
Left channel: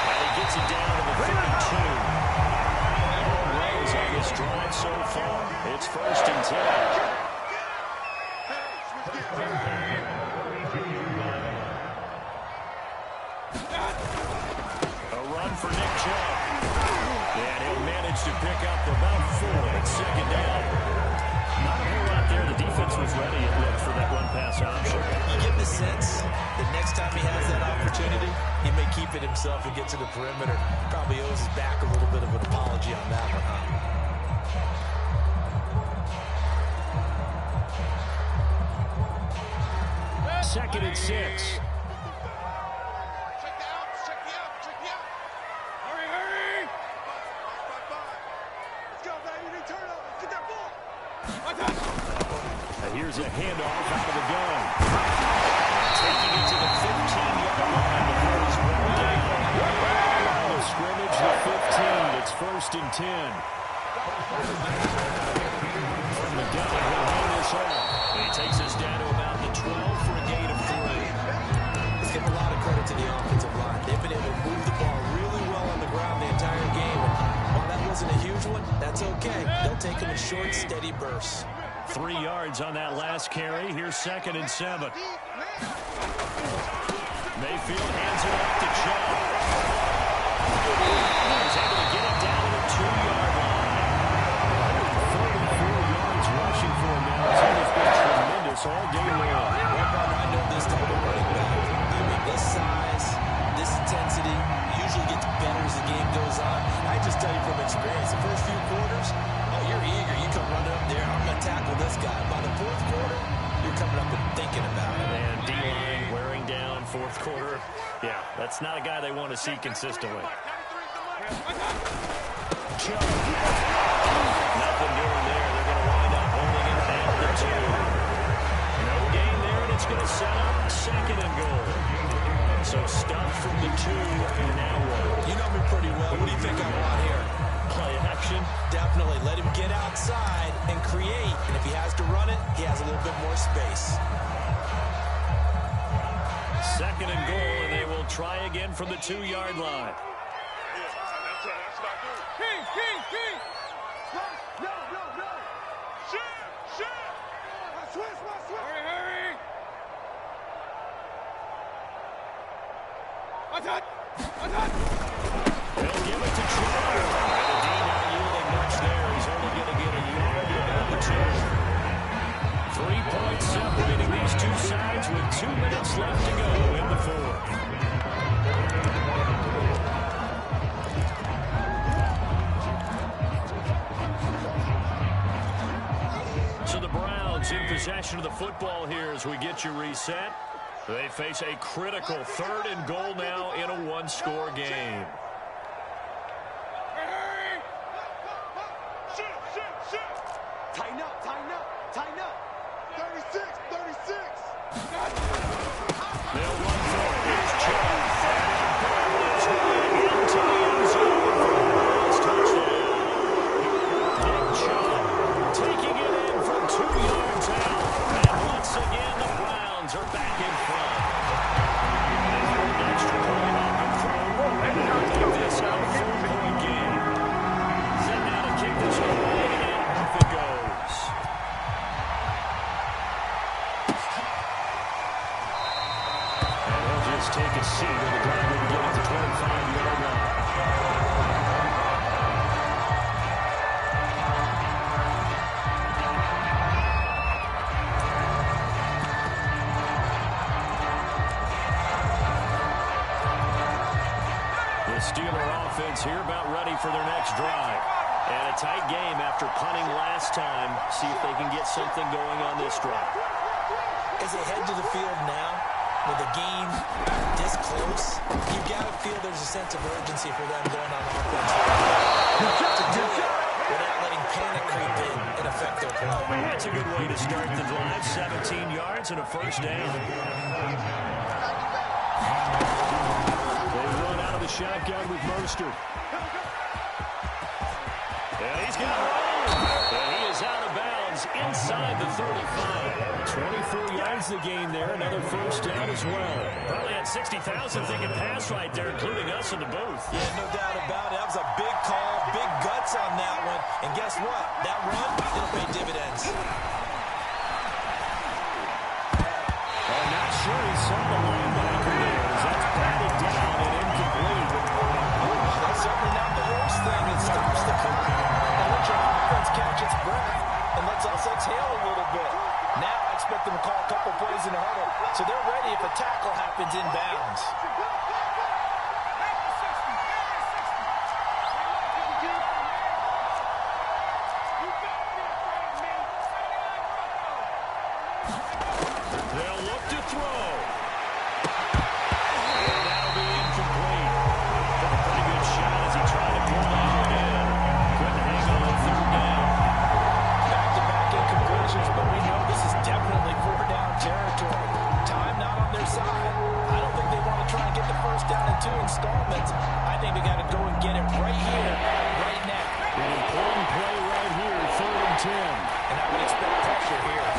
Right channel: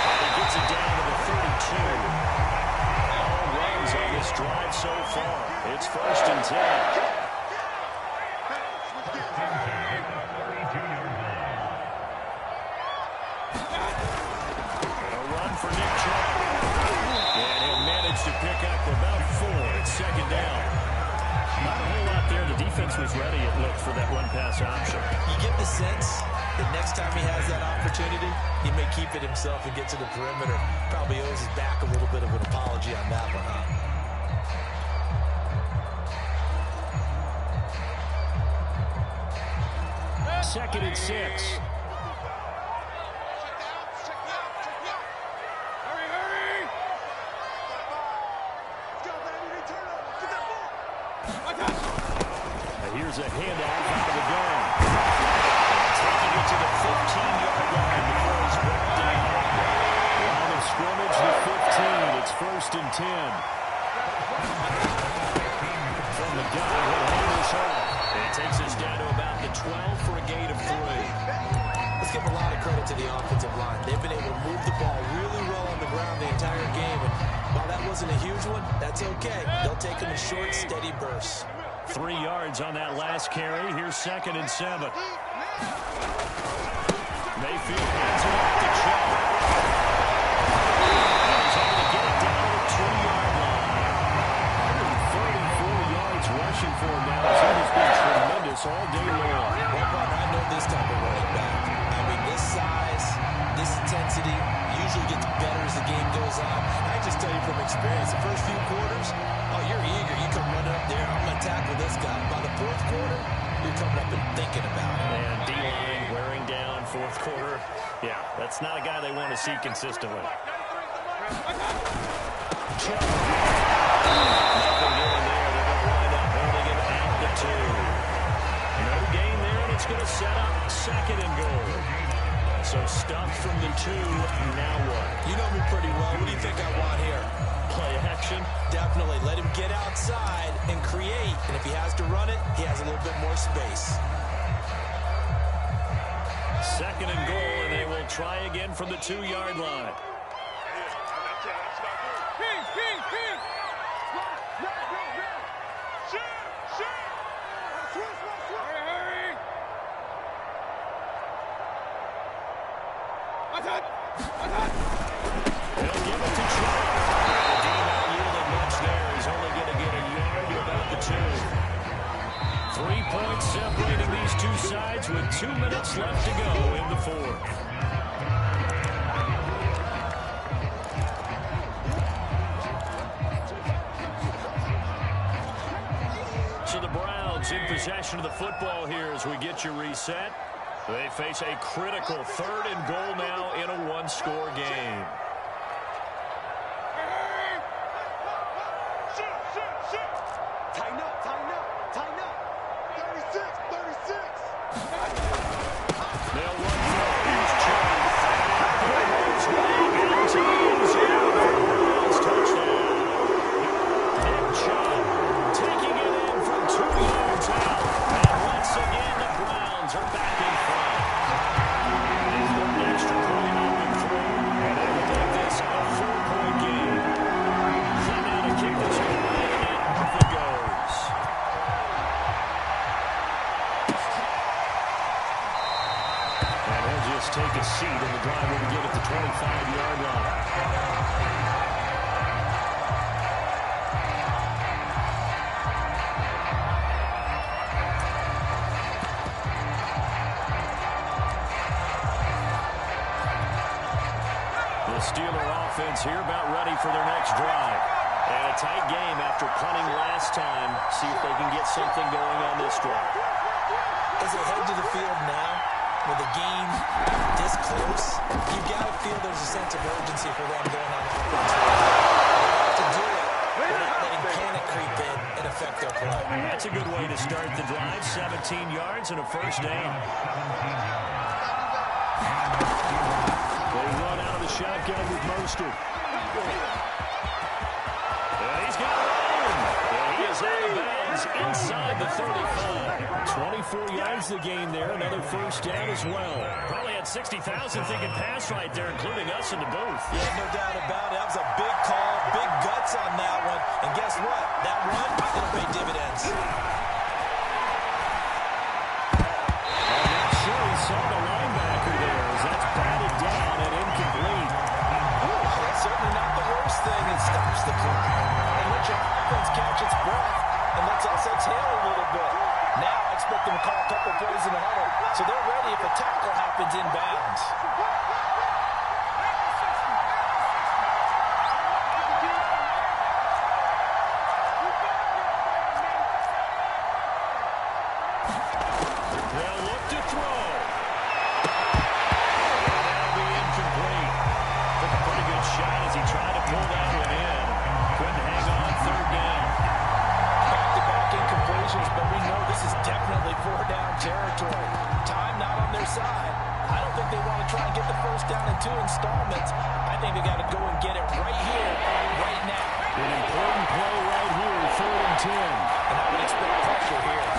And he gets it down to the 32. All runs on this drive so far. It's 1st and 10. A run for Nick Chubb. And he'll manage to pick up about 4 at second down. Not a whole lot there. The defense was ready, it looked, for that run-pass option. You get the sense that next time he has that opportunity, he may keep it himself and get to the perimeter. Probably owes his back a little bit of an apology on that one, huh? Second and 6. Check the outs, check the outs, check the outs. Hurry, hurry. 5-5. Let's go, baby. Return up. Let's get that ball. And here's a handoff out of the gun. And taking it to the 15-yard line before he's brought down. Line of scrimmage, the 15. It's 1st and 10. From the gun, he'll hand this off. And he takes us down to about the 12 for a gain of 3. Let's give a lot of credit to the offensive line. They've been able to move the ball really well on the ground the entire game. And while that wasn't a huge one, that's okay. They'll take them in short, steady bursts. 3 yards on that last carry. Here's 2nd and 7. Mayfield hands it off to Chubb. And he's able to get it down to the 2-yard line. 134 yards rushing for him now, as he has been tremendous all day long. Well, partner, I know this type of running back. I mean, this size, this intensity usually gets better as the game goes on. I just tell you from experience, the first few quarters, oh, you're eager. You come running up there, I'm going to tackle this guy. By the 4th quarter, you're coming up and thinking about it. And D-line wearing down 4th quarter. Yeah, that's not a guy they want to see consistently. Chubb. Nothing doing there. They're going to wind up holding him at the 2. No gain there, and it's going to set up 2nd and goal. So stuffed from the 2, now what? You know me pretty well. What do you think I want here? Play action? Definitely. Let him get outside and create. And if he has to run it, he has a little bit more space. 2nd and goal, and they will try again from the 2-yard line. King. No. Shoot. Switch. Hurry. What's that? They'll give it to Chubb. And the D not yielding much there. He's only going to get a yard to about the 2. 3 points separating these two sides with 2 minutes left to go in the 4th. So the Browns in possession of the football here as we get you reset. They face a critical 3rd and goal now in a 1-score game. Tighten up, tighten up, tighten up. 36, 36. They'll run for it. Here's Chubb. And it his way into the end zone for the Browns touchdown. Nick Chubb taking it in from 2 yards out. And once again, the Browns are back in front. They throw an extra point up and through, and they will make this a 4-point game. Set now to kick this one away, and off it goes. And he'll just take a seat, and the drive will begin at the 25-yard line. The Steeler offense here about ready for their next drive. And a tight game after punting last time. See if they can get something going on this drive. As they head to the field now, with the game this close, you've got to feel there's a sense of urgency for them going on offense. You have to do it without letting panic creep in and affect their play. That's a good way to start the drive. 17 yards and a 1st down. They run out of the shotgun with Mostert. And he's got room. And he is out of bounds inside the 35. 24 yards the gain there. Another 1st down as well. Probably had 60,000 thinking pass right there, including us in the booth. Yeah, no doubt about it. That was a big call, big guts on that one. And guess what? That run, it'll pay dividends. I'm not sure he saw the linebacker there as that's batted down and incomplete. That's certainly not the worst thing. It stops the clock and lets your offense catch its breath and lets us exhale a little bit. Now I expect them to call a couple plays in the huddle, so they're ready if a tackle happens inbounds. They'll look to throw. And that'll be incomplete. Took a pretty good shot as he tried to pull that one in. Couldn't hang on 3rd down. Back-to-back incompletions, but we know this is definitely 4-down territory. Time not on their side. I don't think they want to try and get the 1st down in 2 installments. I think they got to go and get it right here, right now. An important play right here, 3rd and 10. And I would expect pressure here.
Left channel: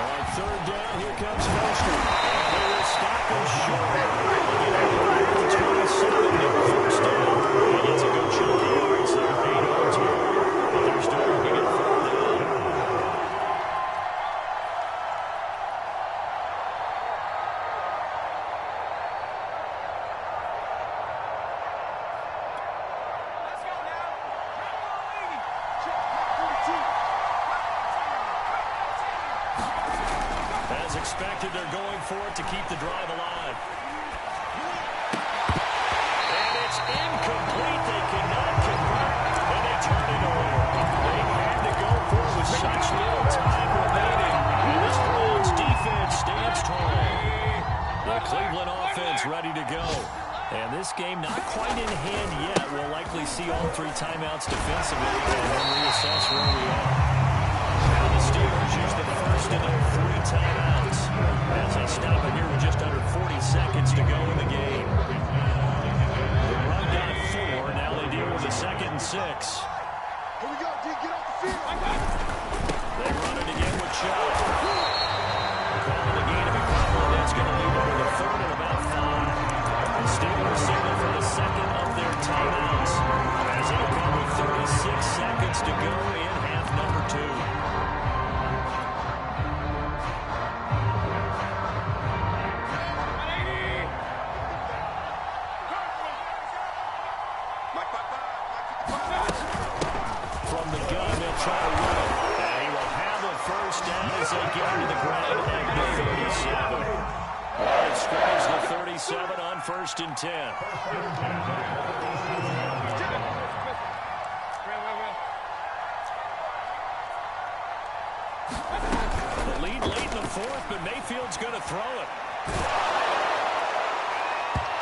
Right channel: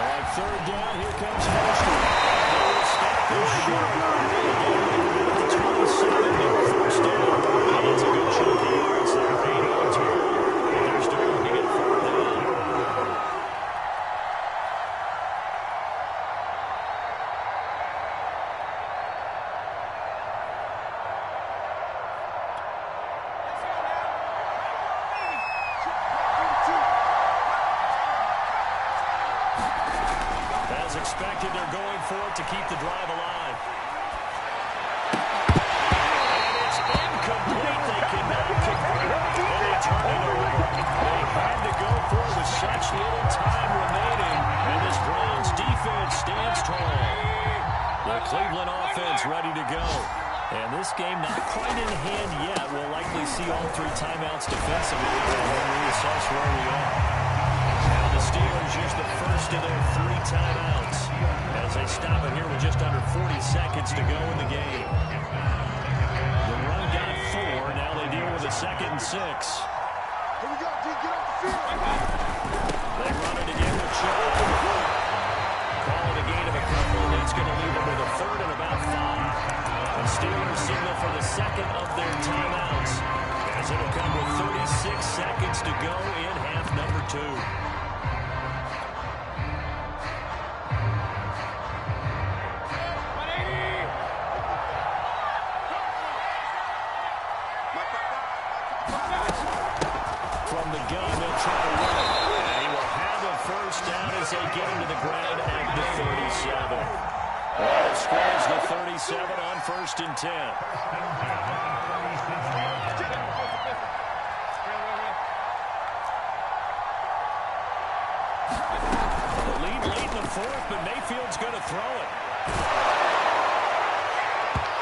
On 3rd down, here comes Mostert. They will stop him short. They get him to the 27, and 1st down. And it's a good chunk of yards there, 8 on total. But they're still looking at 4th down. Let's go now. As expected, they're going for it to keep the drive alive. And it's incomplete. They cannot convert, and they turn it over. They had to go for it with such little time remaining, and this Browns defense stands tall. The Cleveland offense ready to go. And this game not quite in hand yet. We'll likely see all 3 timeouts defensively and then reassess where we are. Now the Steelers use the first of their 3 timeouts as they stop it here with just under 40 seconds to go in the game. The run got 4. Now they deal with a 2nd and 6. Here we go, D, get off the field. They run it again with Chubb. Calling a gain of a couple, and that's going to leave them with a 3rd and about 5. The Steelers signal for the 2nd of their timeouts as it'll come with 36 seconds to go in half number 2. From the gun, they'll try to run it. And he will have a first down as they get into the ground at the 37. Line of scrimmage, the 37 on 1st and 10. The lead late in the 4th, but Mayfield's going to throw it.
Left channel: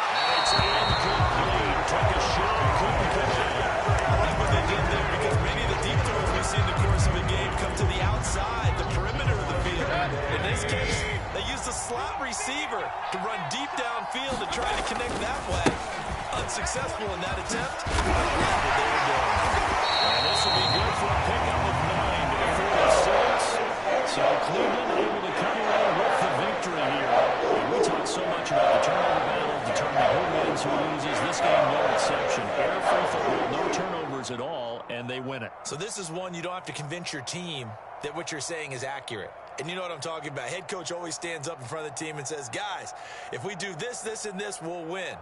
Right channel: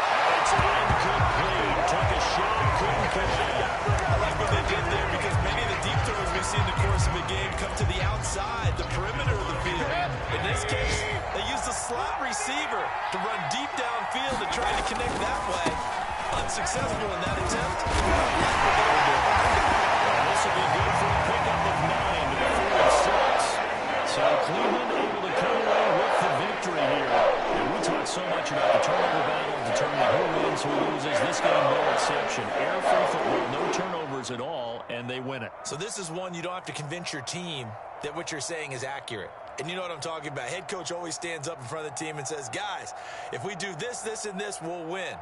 And it's incomplete. Took a shot, couldn't connect. I like what they did there because many of the deep throws we see in the course of a game come to the outside, the perimeter of the field. In this case, they used a slot receiver to run deep downfield and try to connect that way. Unsuccessful in that attempt. I like what they were doing. And this will be good for a pickup of 9 to the 46. So Cleveland able to come away with the victory here. And we talked so much about the turnover battle, determining who wins, who loses. This game, no exception. Air-free football, no turnovers at all, and they win it. So this is one you don't have to convince your team that what you're saying is accurate. And you know what I'm talking about. Head coach always stands up in front of the team and says, guys, if we do this, this, and this, we'll win.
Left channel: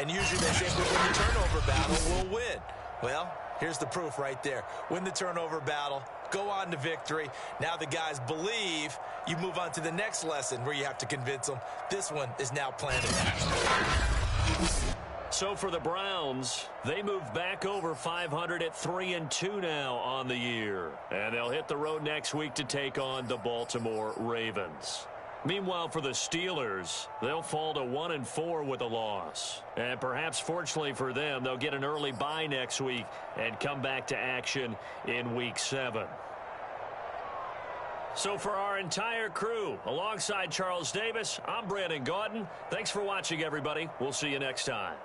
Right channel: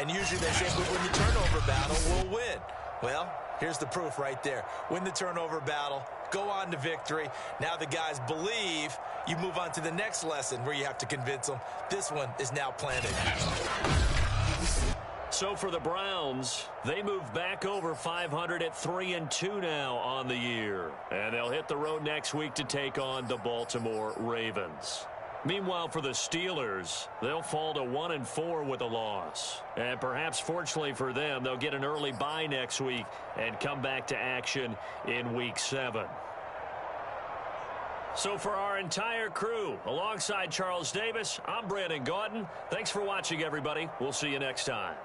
And usually they say, if we win the turnover battle, we'll win. Well, here's the proof right there. Win the turnover battle. Go on to victory. Now the guys believe. You move on to the next lesson where you have to convince them. This one is now planted. So for the Browns, they move back over 500 at 3-2 now on the year. And they'll hit the road next week to take on the Baltimore Ravens. Meanwhile, for the Steelers, they'll fall to 1-4 with a loss. And perhaps fortunately for them, they'll get an early bye next week and come back to action in Week 7. So for our entire crew, alongside Charles Davis, I'm Brandon Gaudin. Thanks for watching, everybody. We'll see you next time.